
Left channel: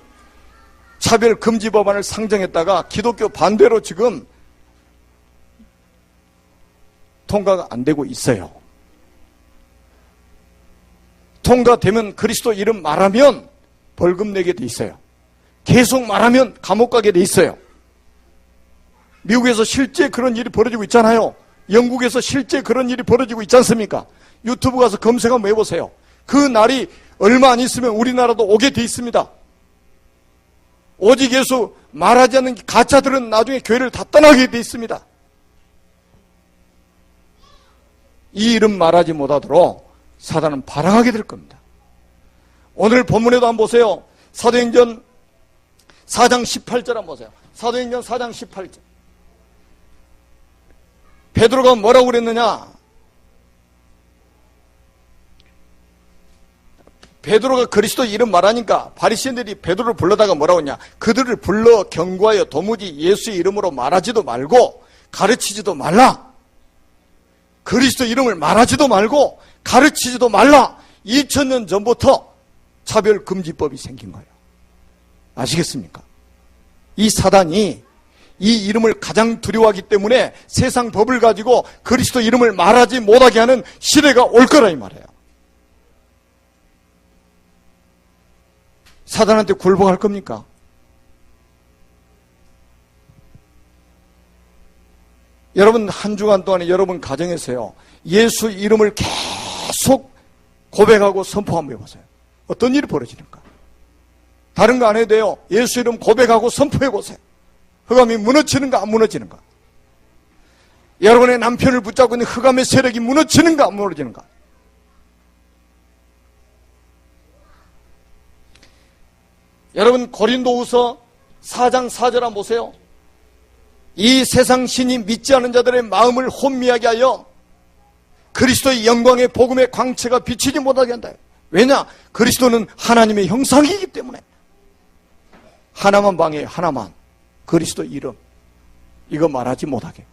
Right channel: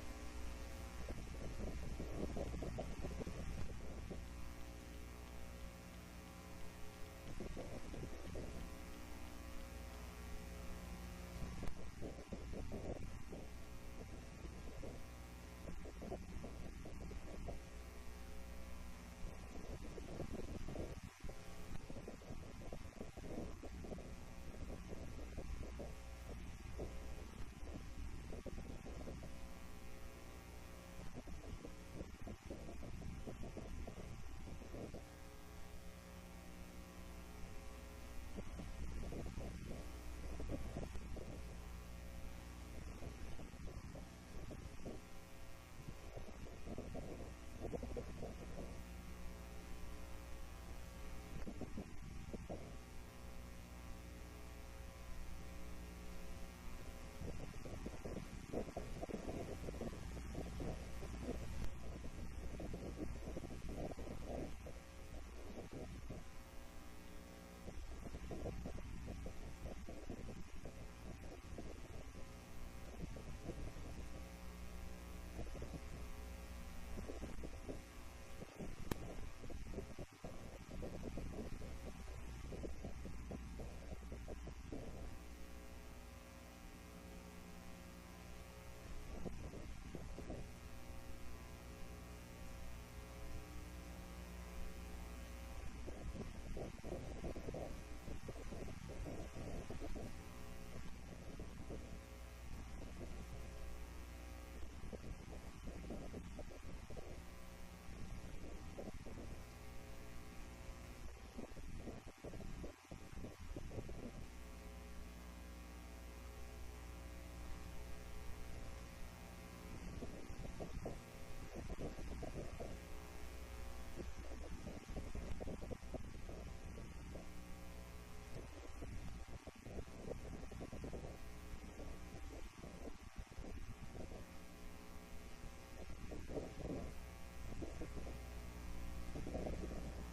차별금지 법안을 상정했다가 기독교 반대로 지금 통과가 안 되고 있어요. 통과되면 그리스도 이름 말하면 벌금 내게 돼 있어요. 계속 말하면 감옥 가게 돼 있어요. 미국에서 실제 그런 일이 벌어지고 있잖아요. 영국에서 실제 그런 일이 벌어지고 있지 않습니까? 유튜브 가서 검색 한번 해보세요. 그 날이 얼마 안 있으면 우리나라도 오게 돼 있습니다. 오직 예수 말하지 않는 가짜들은 나중에 교회를 다 떠나게 돼 있습니다. 이 이름 말하지 못하도록 사단은 발항하게 될 겁니다. 오늘 본문에도 한번 보세요. 사도행전 4장 18절 한번 보세요. 사도행전 4장 18절. 베드로가 뭐라고 그랬느냐? 베드로가 그리스도 이름 말하니까 바리새인들이 베드로를 불러다가 뭐라고 했냐? 그들을 불러 경고하여 도무지 예수의 이름으로 말하지도 말고 가르치지도 말라. 그리스도 이름을 말하지도 말고 가르치지도 말라. 2000년 전부터 차별금지법이 생긴 거예요. 아시겠습니까? 이 사단이 이 이름을 가장 두려워하기 때문에 세상 법을 가지고 그리스도 이름을 말하지 못하게 하는 시대가 올 거라 이 말이에요. 사단한테 굴복할 겁니까? 여러분 한 주간 동안에 여러분 가정에서요 예수 이름을 계속 고백하고 선포 한번 해보세요. 어떤 일이 벌어지는가? 다른 거 안 해도 돼요. 예수 이름 고백하고 선포해보세요. 흑암이 무너지는가 안 무너지는가? 여러분의 남편을 붙잡고 있는 흑암의 세력이 무너지는가 안 무너지는가? 여러분 고린도후서 4장 4절 한번 보세요. 이 세상 신이 믿지 않은 자들의 마음을 혼미하게 하여 그리스도의 영광의 복음의 광채가 비치지 못하게 한다. 왜냐? 그리스도는 하나님의 형상이기 때문에. 하나만 방해요. 하나만. 그리스도 이름. 이거 말하지 못하게.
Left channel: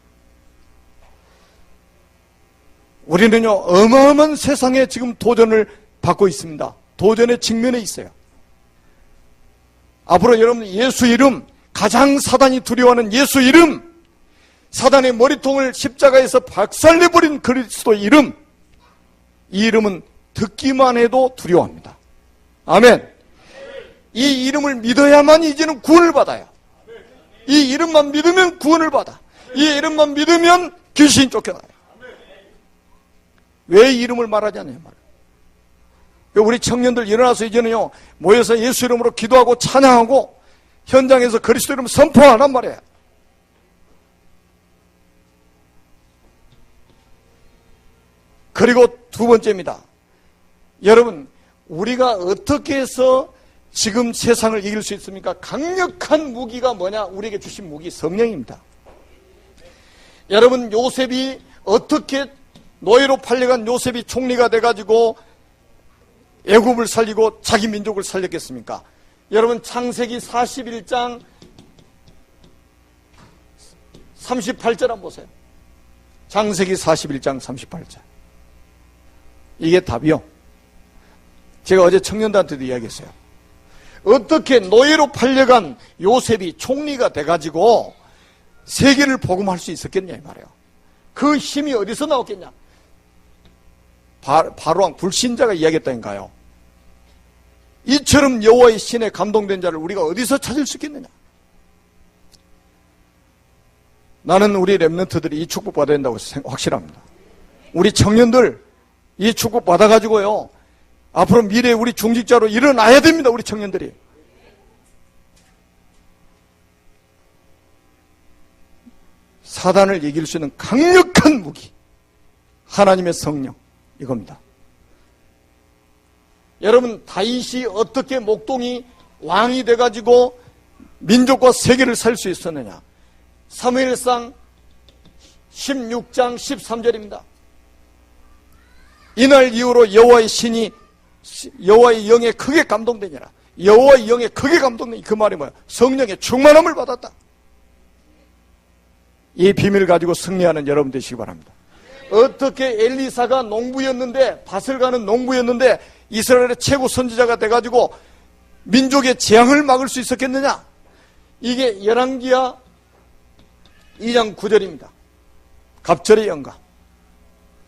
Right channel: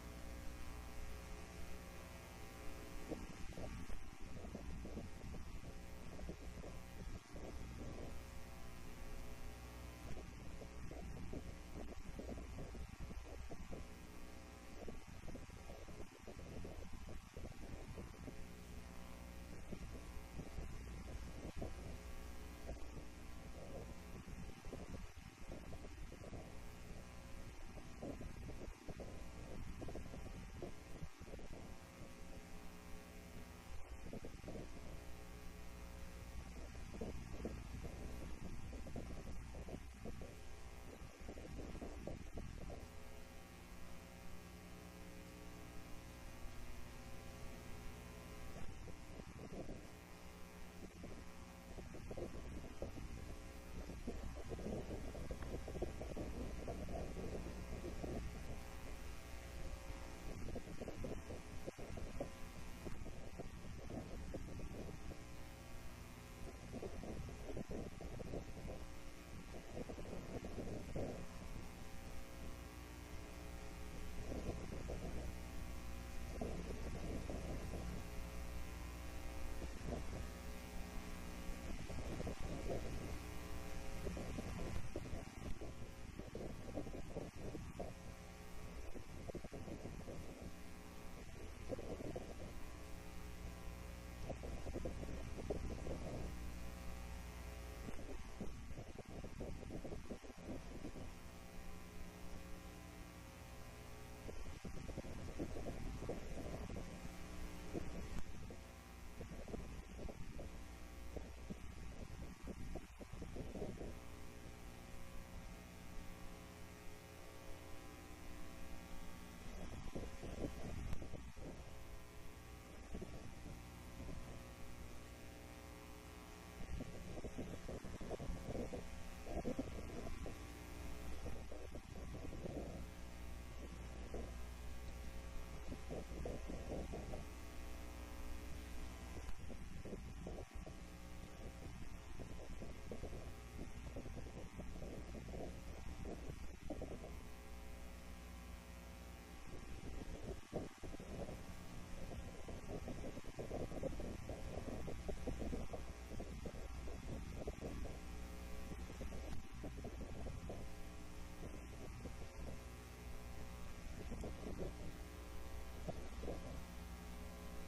우리는요 어마어마한 세상에 지금 도전을 받고 있습니다. 도전의 직면에 있어요. 앞으로 여러분 예수 이름, 가장 사단이 두려워하는 예수 이름, 사단의 머리통을 십자가에서 박살내버린 그리스도 이름, 이 이름은 듣기만 해도 두려워합니다. 아멘. 이 이름을 믿어야만 이제는 구원을 받아요. 이 이름만 믿으면 구원을 받아. 이 이름만 믿으면 귀신이 쫓겨나요. 왜 이 이름을 말하지 않냐는 말이에요. 우리 청년들 일어나서 이제는요 모여서 예수 이름으로 기도하고 찬양하고 현장에서 그리스도 이름 선포하란 말이에요. 그리고 두 번째입니다. 여러분 우리가 어떻게 해서 지금 세상을 이길 수 있습니까? 강력한 무기가 뭐냐? 우리에게 주신 무기 성령입니다. 여러분 요셉이 어떻게 노예로 팔려간 요셉이 총리가 돼가지고 애굽을 살리고 자기 민족을 살렸겠습니까? 여러분 창세기 41장 38절 한번 보세요. 창세기 41장 38절. 이게 답이요. 제가 어제 청년들한테도 이야기했어요. 어떻게 노예로 팔려간 요셉이 총리가 돼가지고 세계를 복음할 수 있었겠냐 이 말이에요. 그 힘이 어디서 나왔겠냐? 바로왕 불신자가 이야기했다니까요. 이처럼 여호와의 신에 감동된 자를 우리가 어디서 찾을 수 있겠느냐? 나는 우리 렘넌트들이 이 축복 받아야 된다고 확실합니다. 우리 청년들 이 축복 받아가지고요 앞으로 미래에 우리 중직자로 일어나야 됩니다. 우리 청년들이. 사단을 이길 수 있는 강력한 무기, 하나님의 성령, 이겁니다. 여러분 다윗이 어떻게 목동이 왕이 돼가지고 민족과 세계를 살 수 있었느냐? 사무엘상 16장 13절입니다. 이날 이후로 여호와의 신이 여호와의 영에 크게 감동되니라. 여호와의 영에 크게 감동되니 그 말이 뭐야? 성령의 충만함을 받았다. 이 비밀을 가지고 승리하는 여러분 되시기 바랍니다. 어떻게 엘리사가 농부였는데 밭을 가는 농부였는데 이스라엘의 최고 선지자가 돼가지고 민족의 재앙을 막을 수 있었겠느냐? 이게 열왕기하 2장 9절입니다. 갑절의 영감.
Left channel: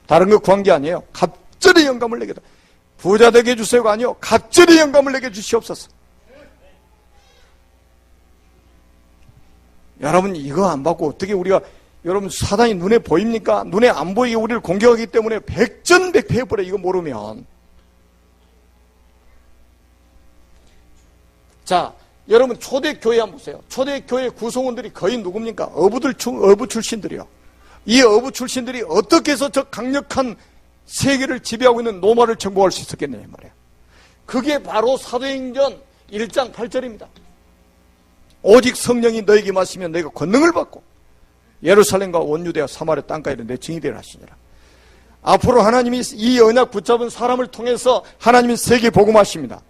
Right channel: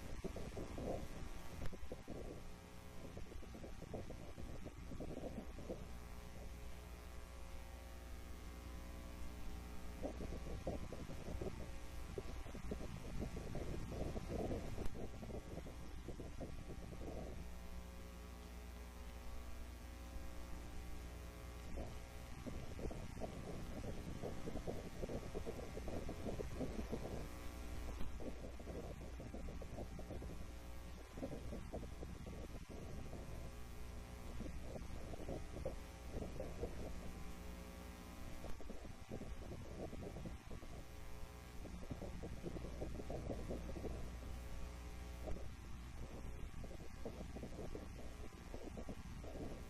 다른 거 구한 게 아니에요. 갑절의 영감을 내게 부자 되게 해주세요가 아니요. 갑절의 영감을 내게 주시옵소서. 여러분 이거 안 받고 어떻게 우리가 여러분 사단이 눈에 보입니까? 눈에 안 보이게 우리를 공격하기 때문에 백전백패해버려. 이거 모르면. 자 여러분 초대교회 한번 보세요. 초대교회 구성원들이 거의 누굽니까? 어부 출신들이요. 이 어부 출신들이 어떻게 해서 저 강력한 세계를 지배하고 있는 로마를 정복할 수 있었겠느냐 말이에요. 그게 바로 사도행전 1장 8절입니다. 오직 성령이 너에게 마시면 너희가 권능을 받고 예루살렘과 온 유대와 사마리아 땅까지는 내 증인되라 하시니라. 앞으로 하나님이 이 언약 붙잡은 사람을 통해서 하나님이 세계 복음하십니다.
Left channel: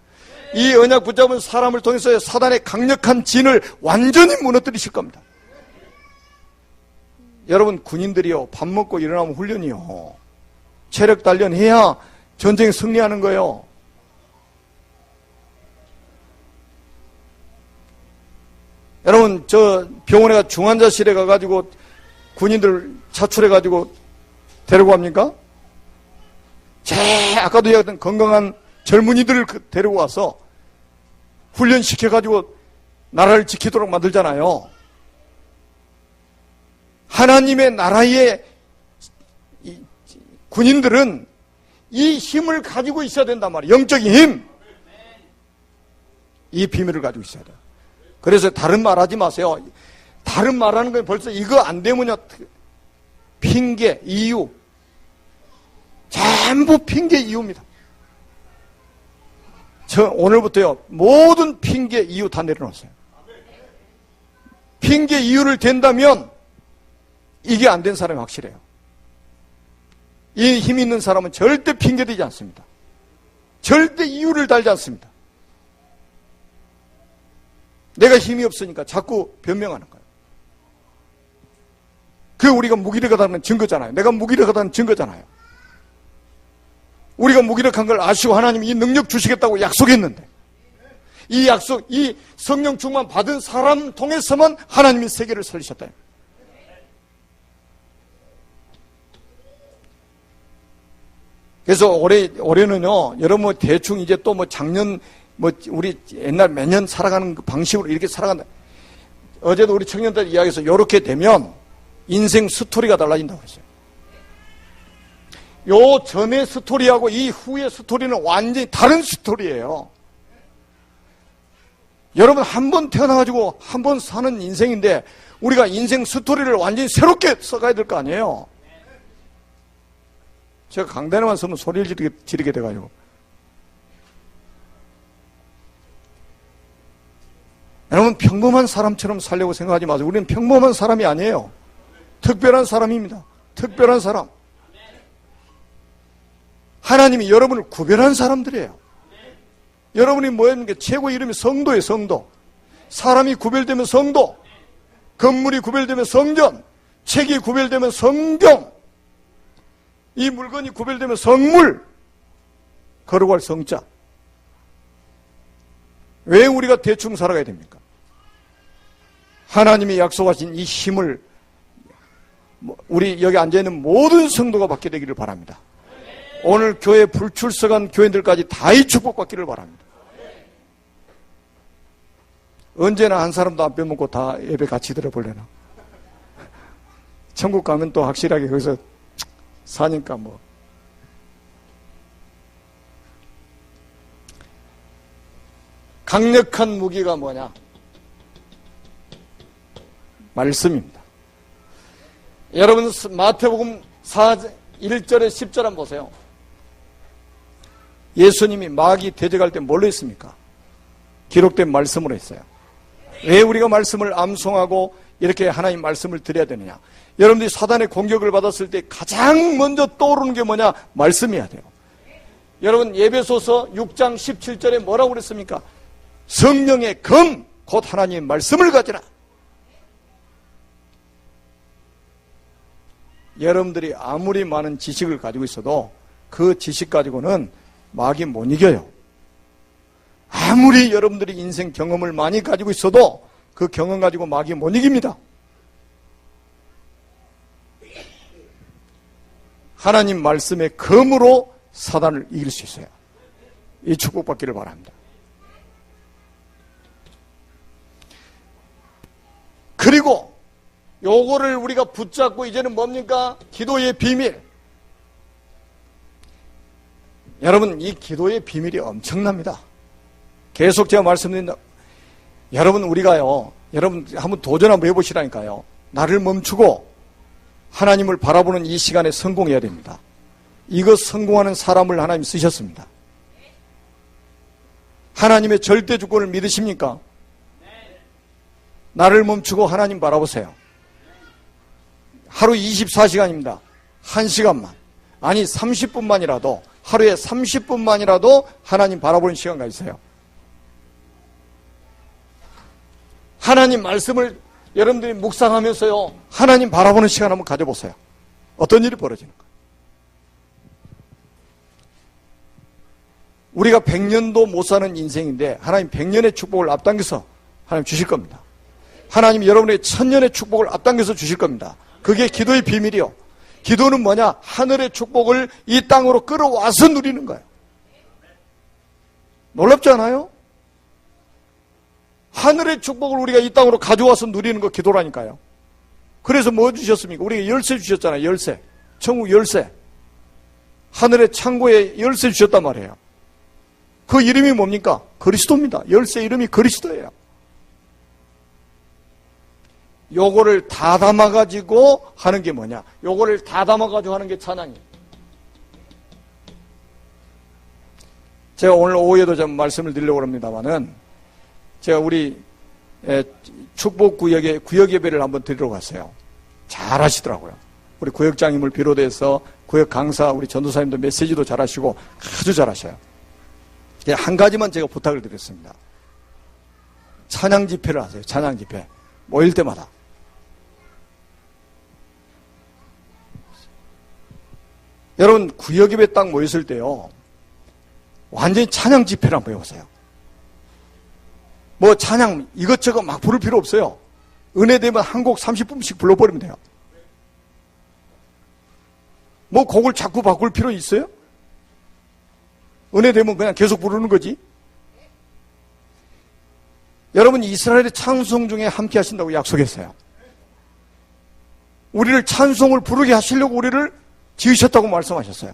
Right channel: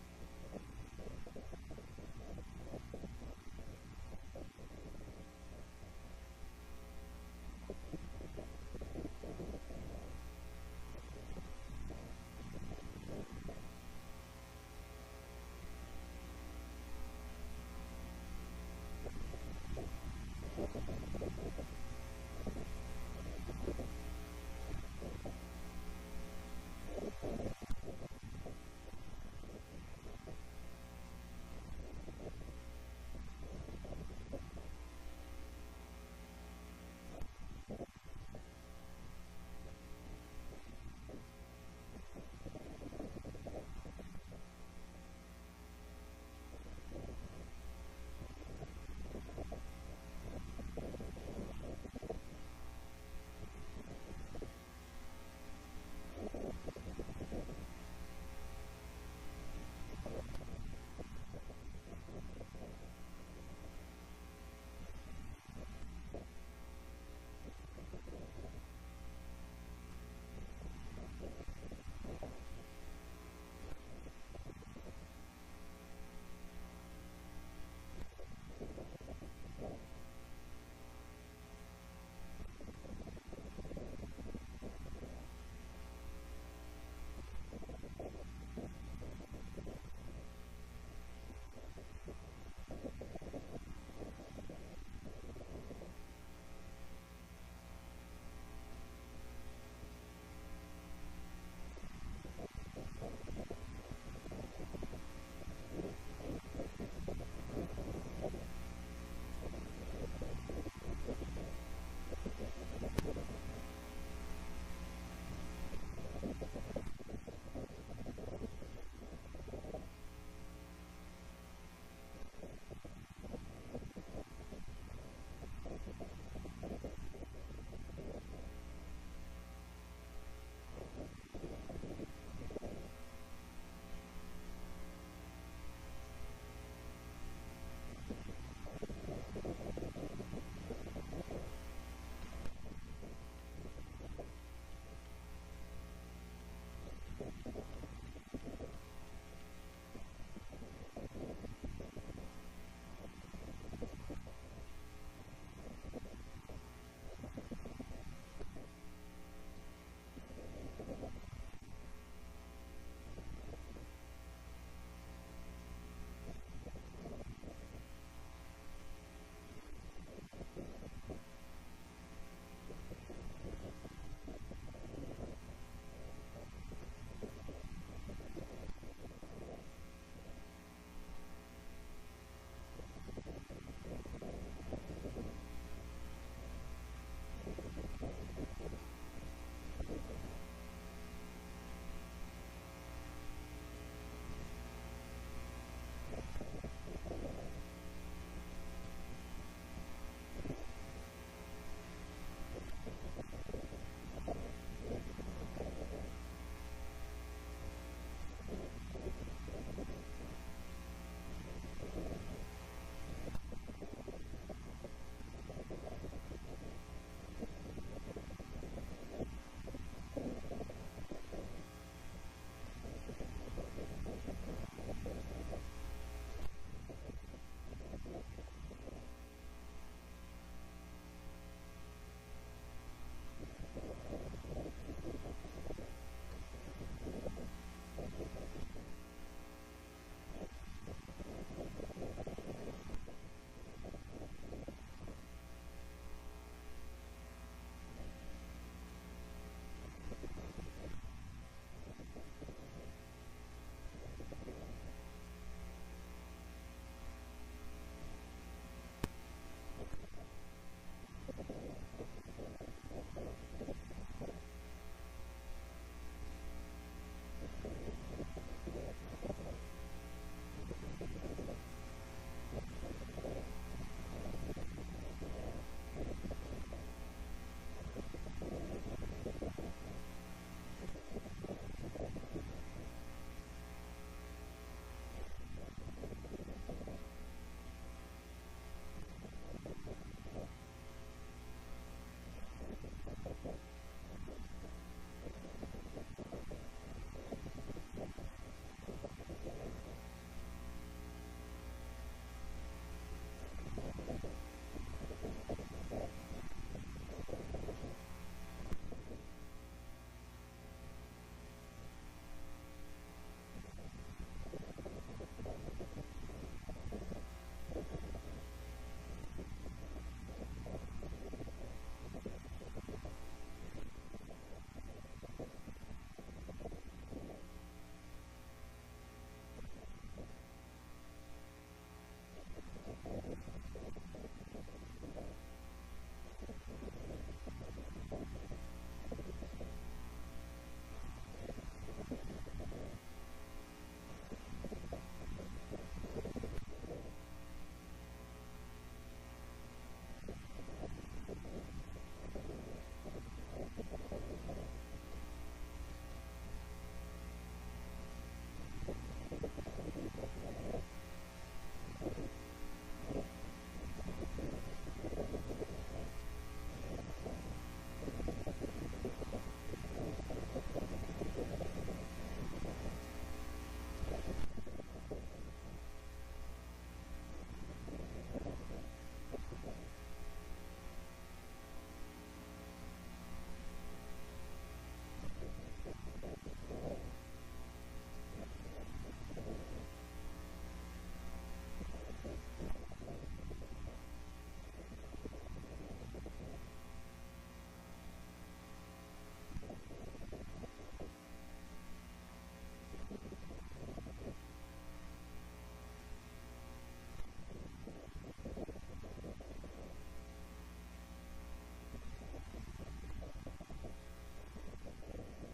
이 언약 붙잡은 사람을 통해서 사단의 강력한 진을 완전히 무너뜨리실 겁니다. 여러분, 군인들이요, 밥 먹고 일어나면 훈련이요, 체력 단련해야 전쟁 승리하는 거예요. 여러분, 저 병원에 가 중환자실에 가가지고 군인들 차출해가지고 데리고 갑니까? 아까도 얘기했던 건강한 젊은이들을 데리고 와서 훈련시켜가지고 나라를 지키도록 만들잖아요. 하나님의 나라의 군인들은 이 힘을 가지고 있어야 된단 말이에요. 영적인 힘. 이 비밀을 가지고 있어야 돼요. 그래서 다른 말 하지 마세요. 다른 말하는 건 벌써 이거 안 되면요, 핑계, 이유, 전부 핑계, 이유입니다. 저 오늘부터요, 모든 핑계, 이유 다 내려놓았어요. 핑계, 이유를 댄다면 이게 안 된 사람이 확실해요. 이 힘 있는 사람은 절대 핑계대지 않습니다. 절대 이유를 달지 않습니다. 내가 힘이 없으니까 자꾸 변명하는 거예요. 그게 우리가 무기력하다는 증거잖아요. 내가 무기력하다는 증거잖아요. 우리가 무기력한 걸 아시고 하나님이 이 능력 주시겠다고 약속했는데, 이 약속, 이 성령 충만 받은 사람 통해서만 하나님이 세계를 살리셨다. 그래서 올해는요, 여러분 대충 이제 또 작년 우리 옛날 매년 살아가는 그 방식으로 이렇게 살아간다. 어제도 우리 청년들 이야기해서 이렇게 되면 인생 스토리가 달라진다고 했어요. 요 전의 스토리하고 이 후의 스토리는 완전히 다른 스토리예요. 여러분, 한 번 태어나가지고 한 번 사는 인생인데 우리가 인생 스토리를 완전히 새롭게 써가야 될 거 아니에요. 제가 강단에만 서면 소리를 지르게 돼가지고. 여러분, 평범한 사람처럼 살려고 생각하지 마세요. 우리는 평범한 사람이 아니에요. 특별한 사람입니다. 특별한 사람. 하나님이 여러분을 구별한 사람들이에요. 여러분이 뭐였는게 최고 이름이 성도예요. 성도. 사람이 구별되면 성도, 건물이 구별되면 성전, 책이 구별되면 성경, 이 물건이 구별되면 성물, 거룩할 성자. 왜 우리가 대충 살아가야 됩니까? 하나님이 약속하신 이 힘을 우리 여기 앉아있는 모든 성도가 받게 되기를 바랍니다. 오늘 교회 불출석한 교인들까지 다 이 축복받기를 바랍니다. 언제나 한 사람도 안 빼먹고 다 예배 같이 들어보려나. 천국 가면 또 확실하게 거기서 사니까 뭐. 강력한 무기가 뭐냐? 말씀입니다. 여러분, 마태복음 1절에 10절 한번 보세요. 예수님이 마귀 대적할 때 뭘로 했습니까? 기록된 말씀으로 했어요. 왜 우리가 말씀을 암송하고 이렇게 하나님 말씀을 드려야 되느냐? 여러분들이 사단의 공격을 받았을 때 가장 먼저 떠오르는 게 뭐냐? 말씀이어야 돼요. 여러분, 에베소서 6장 17절에 뭐라고 그랬습니까? 성령의 검, 곧 하나님의 말씀을 가지라. 여러분들이 아무리 많은 지식을 가지고 있어도 그 지식 가지고는 마귀 못 이겨요. 아무리 여러분들이 인생 경험을 많이 가지고 있어도 그 경험 가지고 마귀 못 이깁니다. 하나님 말씀의 검으로 사단을 이길 수 있어요. 이 축복받기를 바랍니다. 그리고 요거를 우리가 붙잡고 이제는 뭡니까? 기도의 비밀. 여러분, 이 기도의 비밀이 엄청납니다. 계속 제가 말씀드린다. 여러분, 우리가요, 여러분 한번 도전 한번 해보시라니까요. 나를 멈추고 하나님을 바라보는 이 시간에 성공해야 됩니다. 이거 성공하는 사람을 하나님 쓰셨습니다. 하나님의 절대 주권을 믿으십니까? 나를 멈추고 하나님 바라보세요. 하루 24시간입니다. 1시간만. 아니 30분만이라도, 하루에 30분만이라도 하나님 바라보는 시간가 있어요. 하나님 말씀을 여러분들이 묵상하면서요, 하나님 바라보는 시간 한번 가져보세요. 어떤 일이 벌어지는가. 우리가 100년도 못 사는 인생인데 하나님 100년의 축복을 앞당겨서 하나님 주실 겁니다. 하나님 여러분의 1000년의 축복을 앞당겨서 주실 겁니다. 그게 기도의 비밀이요. 기도는 뭐냐? 하늘의 축복을 이 땅으로 끌어와서 누리는 거예요. 놀랍지 않아요? 하늘의 축복을 우리가 이 땅으로 가져와서 누리는 거 기도라니까요. 그래서 뭐 주셨습니까? 우리가 열쇠 주셨잖아요. 열쇠. 천국 열쇠. 하늘의 창고에 열쇠 주셨단 말이에요. 그 이름이 뭡니까? 그리스도입니다. 열쇠 이름이 그리스도예요. 요거를 다 담아가지고 하는 게 뭐냐? 요거를 다 담아가지고 하는 게 찬양이에요. 제가 오늘 오후에도 좀 말씀을 드리려고 합니다만은, 제가 우리 축복구역에 구역 예배를 한번 드리러 갔어요. 잘 하시더라고요. 우리 구역장님을 비롯해서 구역 강사, 우리 전도사님도 메시지도 잘 하시고 아주 잘 하셔요. 한 가지만 제가 부탁을 드렸습니다. 찬양 집회를 하세요. 찬양 집회. 모일 때마다. 여러분, 구역 예배 딱 모였을 때요, 완전히 찬양 집회를 한번 해보세요. 뭐 찬양 이것저것 막 부를 필요 없어요. 은혜 되면 한 곡 30분씩 불러버리면 돼요. 뭐 곡을 자꾸 바꿀 필요 있어요? 은혜 되면 그냥 계속 부르는 거지. 여러분, 이스라엘의 찬송 중에 함께 하신다고 약속했어요. 우리를 찬송을 부르게 하시려고 우리를 지으셨다고 말씀하셨어요.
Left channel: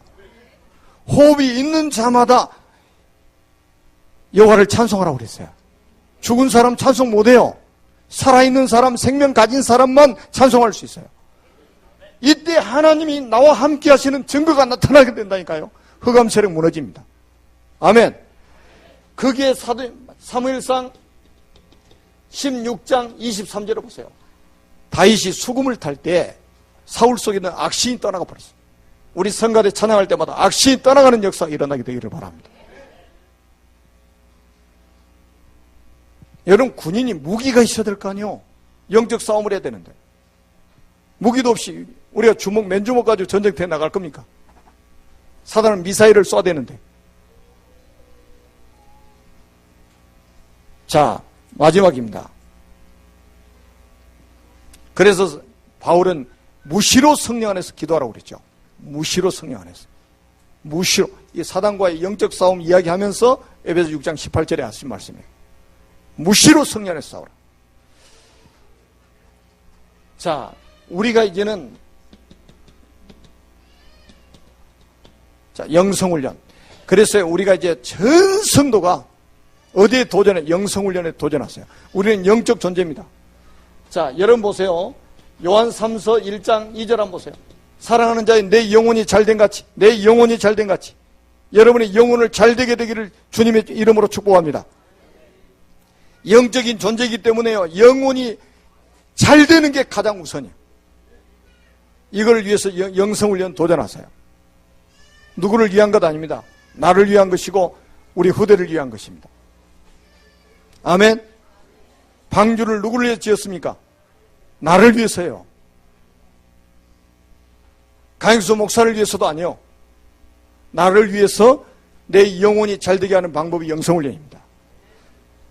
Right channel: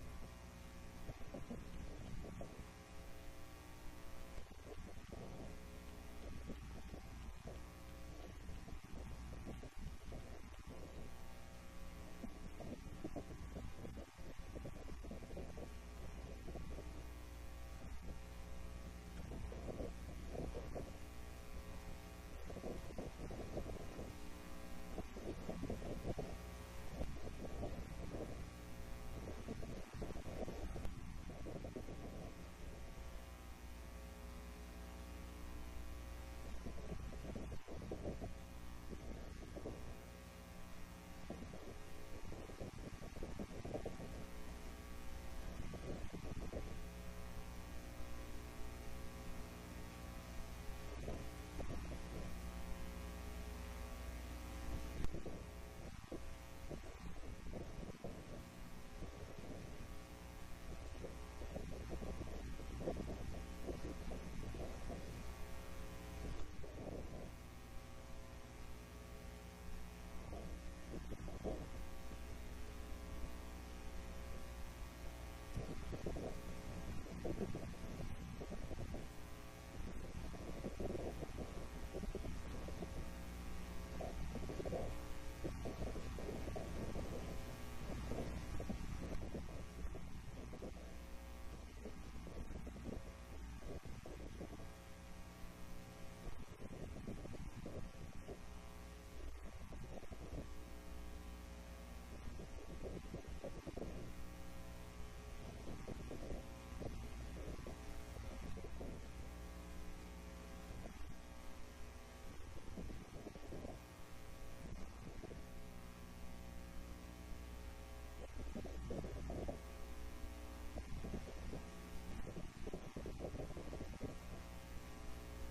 호흡이 있는 자마다 여호와를 찬송하라고 그랬어요. 죽은 사람 찬송 못해요. 살아있는 사람, 생명 가진 사람만 찬송할 수 있어요. 이때 하나님이 나와 함께 하시는 증거가 나타나게 된다니까요. 흑암 세력 무너집니다. 아멘. 그게 사무엘상 16장 23절을 보세요. 다윗이 수금을 탈 때 사울 속에 있는 악신이 떠나가 버렸어요. 우리 성가대 찬양할 때마다 악신이 떠나가는 역사가 일어나게 되기를 바랍니다. 여러분, 군인이 무기가 있어야 될 거 아니에요. 영적 싸움을 해야 되는데 무기도 없이 우리가 주먹, 맨주먹 가지고 전쟁터에 나갈 겁니까? 사단은 미사일을 쏴야 되는데. 자, 마지막입니다. 그래서 바울은 무시로 성령 안에서 기도하라고 그랬죠. 무시로 성령 안에서. 무시로. 이 사단과의 영적 싸움 이야기하면서 에베소 6장 18절에 하신 말씀이에요. 무시로 성령 안에서 싸우라. 자, 우리가 이제는 영성훈련. 그래서 우리가 이제 전 성도가 어디에 도전해? 영성훈련에 도전하세요. 우리는 영적 존재입니다. 자, 여러분 보세요. 요한 3서 1장 2절 한번 보세요. 사랑하는 자의 내 영혼이 잘된 같이, 내 영혼이 잘된 같이 여러분의 영혼을 잘되게 되기를 주님의 이름으로 축복합니다. 영적인 존재이기 때문에요, 영혼이 잘되는 게 가장 우선이에요. 이걸 위해서 영성훈련 도전하세요. 누구를 위한 것 아닙니다. 나를 위한 것이고 우리 후대를 위한 것입니다. 아멘. 방주를 누구를 위해서 지었습니까? 나를 위해서요. 강익수 목사를 위해서도 아니요. 나를 위해서 내 영혼이 잘되게 하는 방법이 영성훈련입니다.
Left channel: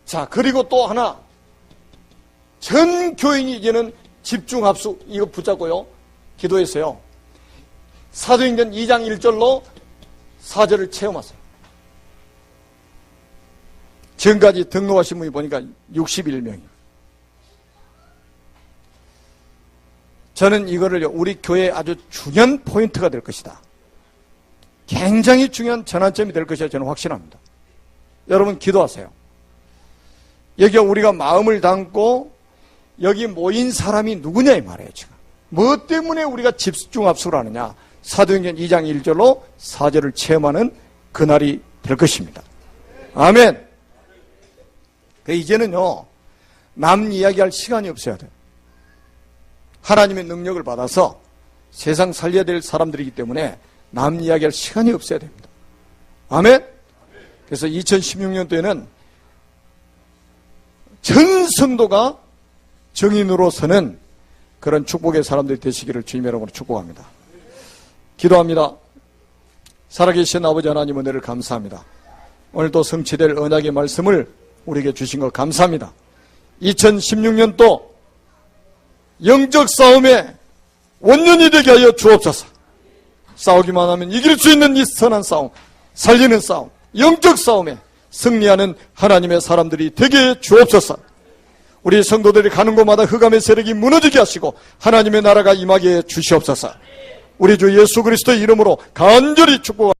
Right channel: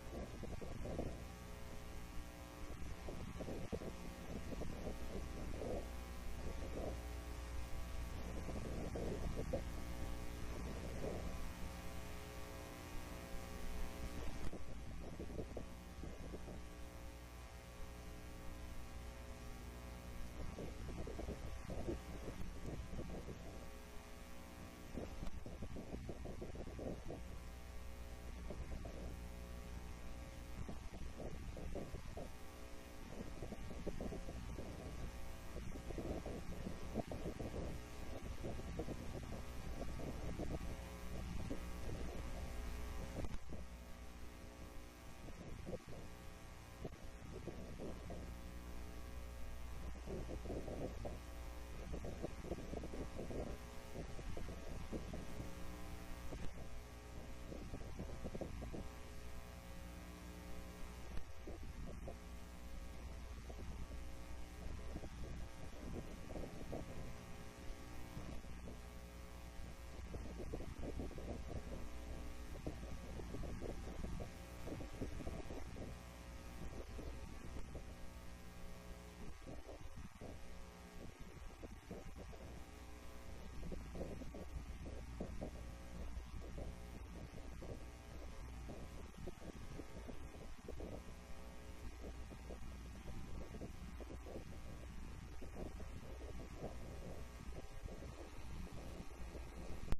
자, 그리고 또 하나, 전 교인이 이제는 집중합숙 이거 붙잡고요 기도했어요. 사도행전 2장 1절로 4절을 체험하세요. 지금까지 등록하신 분이 보니까 61명이에요. 저는 이거를 우리 교회의 아주 중요한 포인트가 될 것이다. 굉장히 중요한 전환점이 될 것이라 저는 확신합니다. 여러분 기도하세요. 여기가 우리가 마음을 담고 여기 모인 사람이 누구냐 이 말이에요. 지금 뭐 때문에 우리가 집중합숙을 하느냐. 사도행전 2장 1절로 4절을 체험하는 그날이 될 것입니다. 아멘. 이제는요 남 이야기할 시간이 없어야 돼요. 하나님의 능력을 받아서 세상 살려야 될 사람들이기 때문에 남 이야기할 시간이 없어야 됩니다. 아멘? 그래서 2016년도에는 전 성도가 정인으로 서는 그런 축복의 사람들이 되시기를 주님의 이름으로 축복합니다. 기도합니다. 살아계신 아버지 하나님 은혜를 감사합니다. 오늘도 성취될 언약의 말씀을 우리에게 주신 것 감사합니다. 2016년도 영적 싸움에 원년이 되게 하여 주옵소서. 싸우기만 하면 이길 수 있는 이 선한 싸움, 살리는 싸움, 영적 싸움에 승리하는 하나님의 사람들이 되게 해 주옵소서. 우리 성도들이 가는 곳마다 흑암의 세력이 무너지게 하시고 하나님의 나라가 임하게 해 주시옵소서. 우리 주 예수 그리스도의 이름으로 간절히 축복합니다.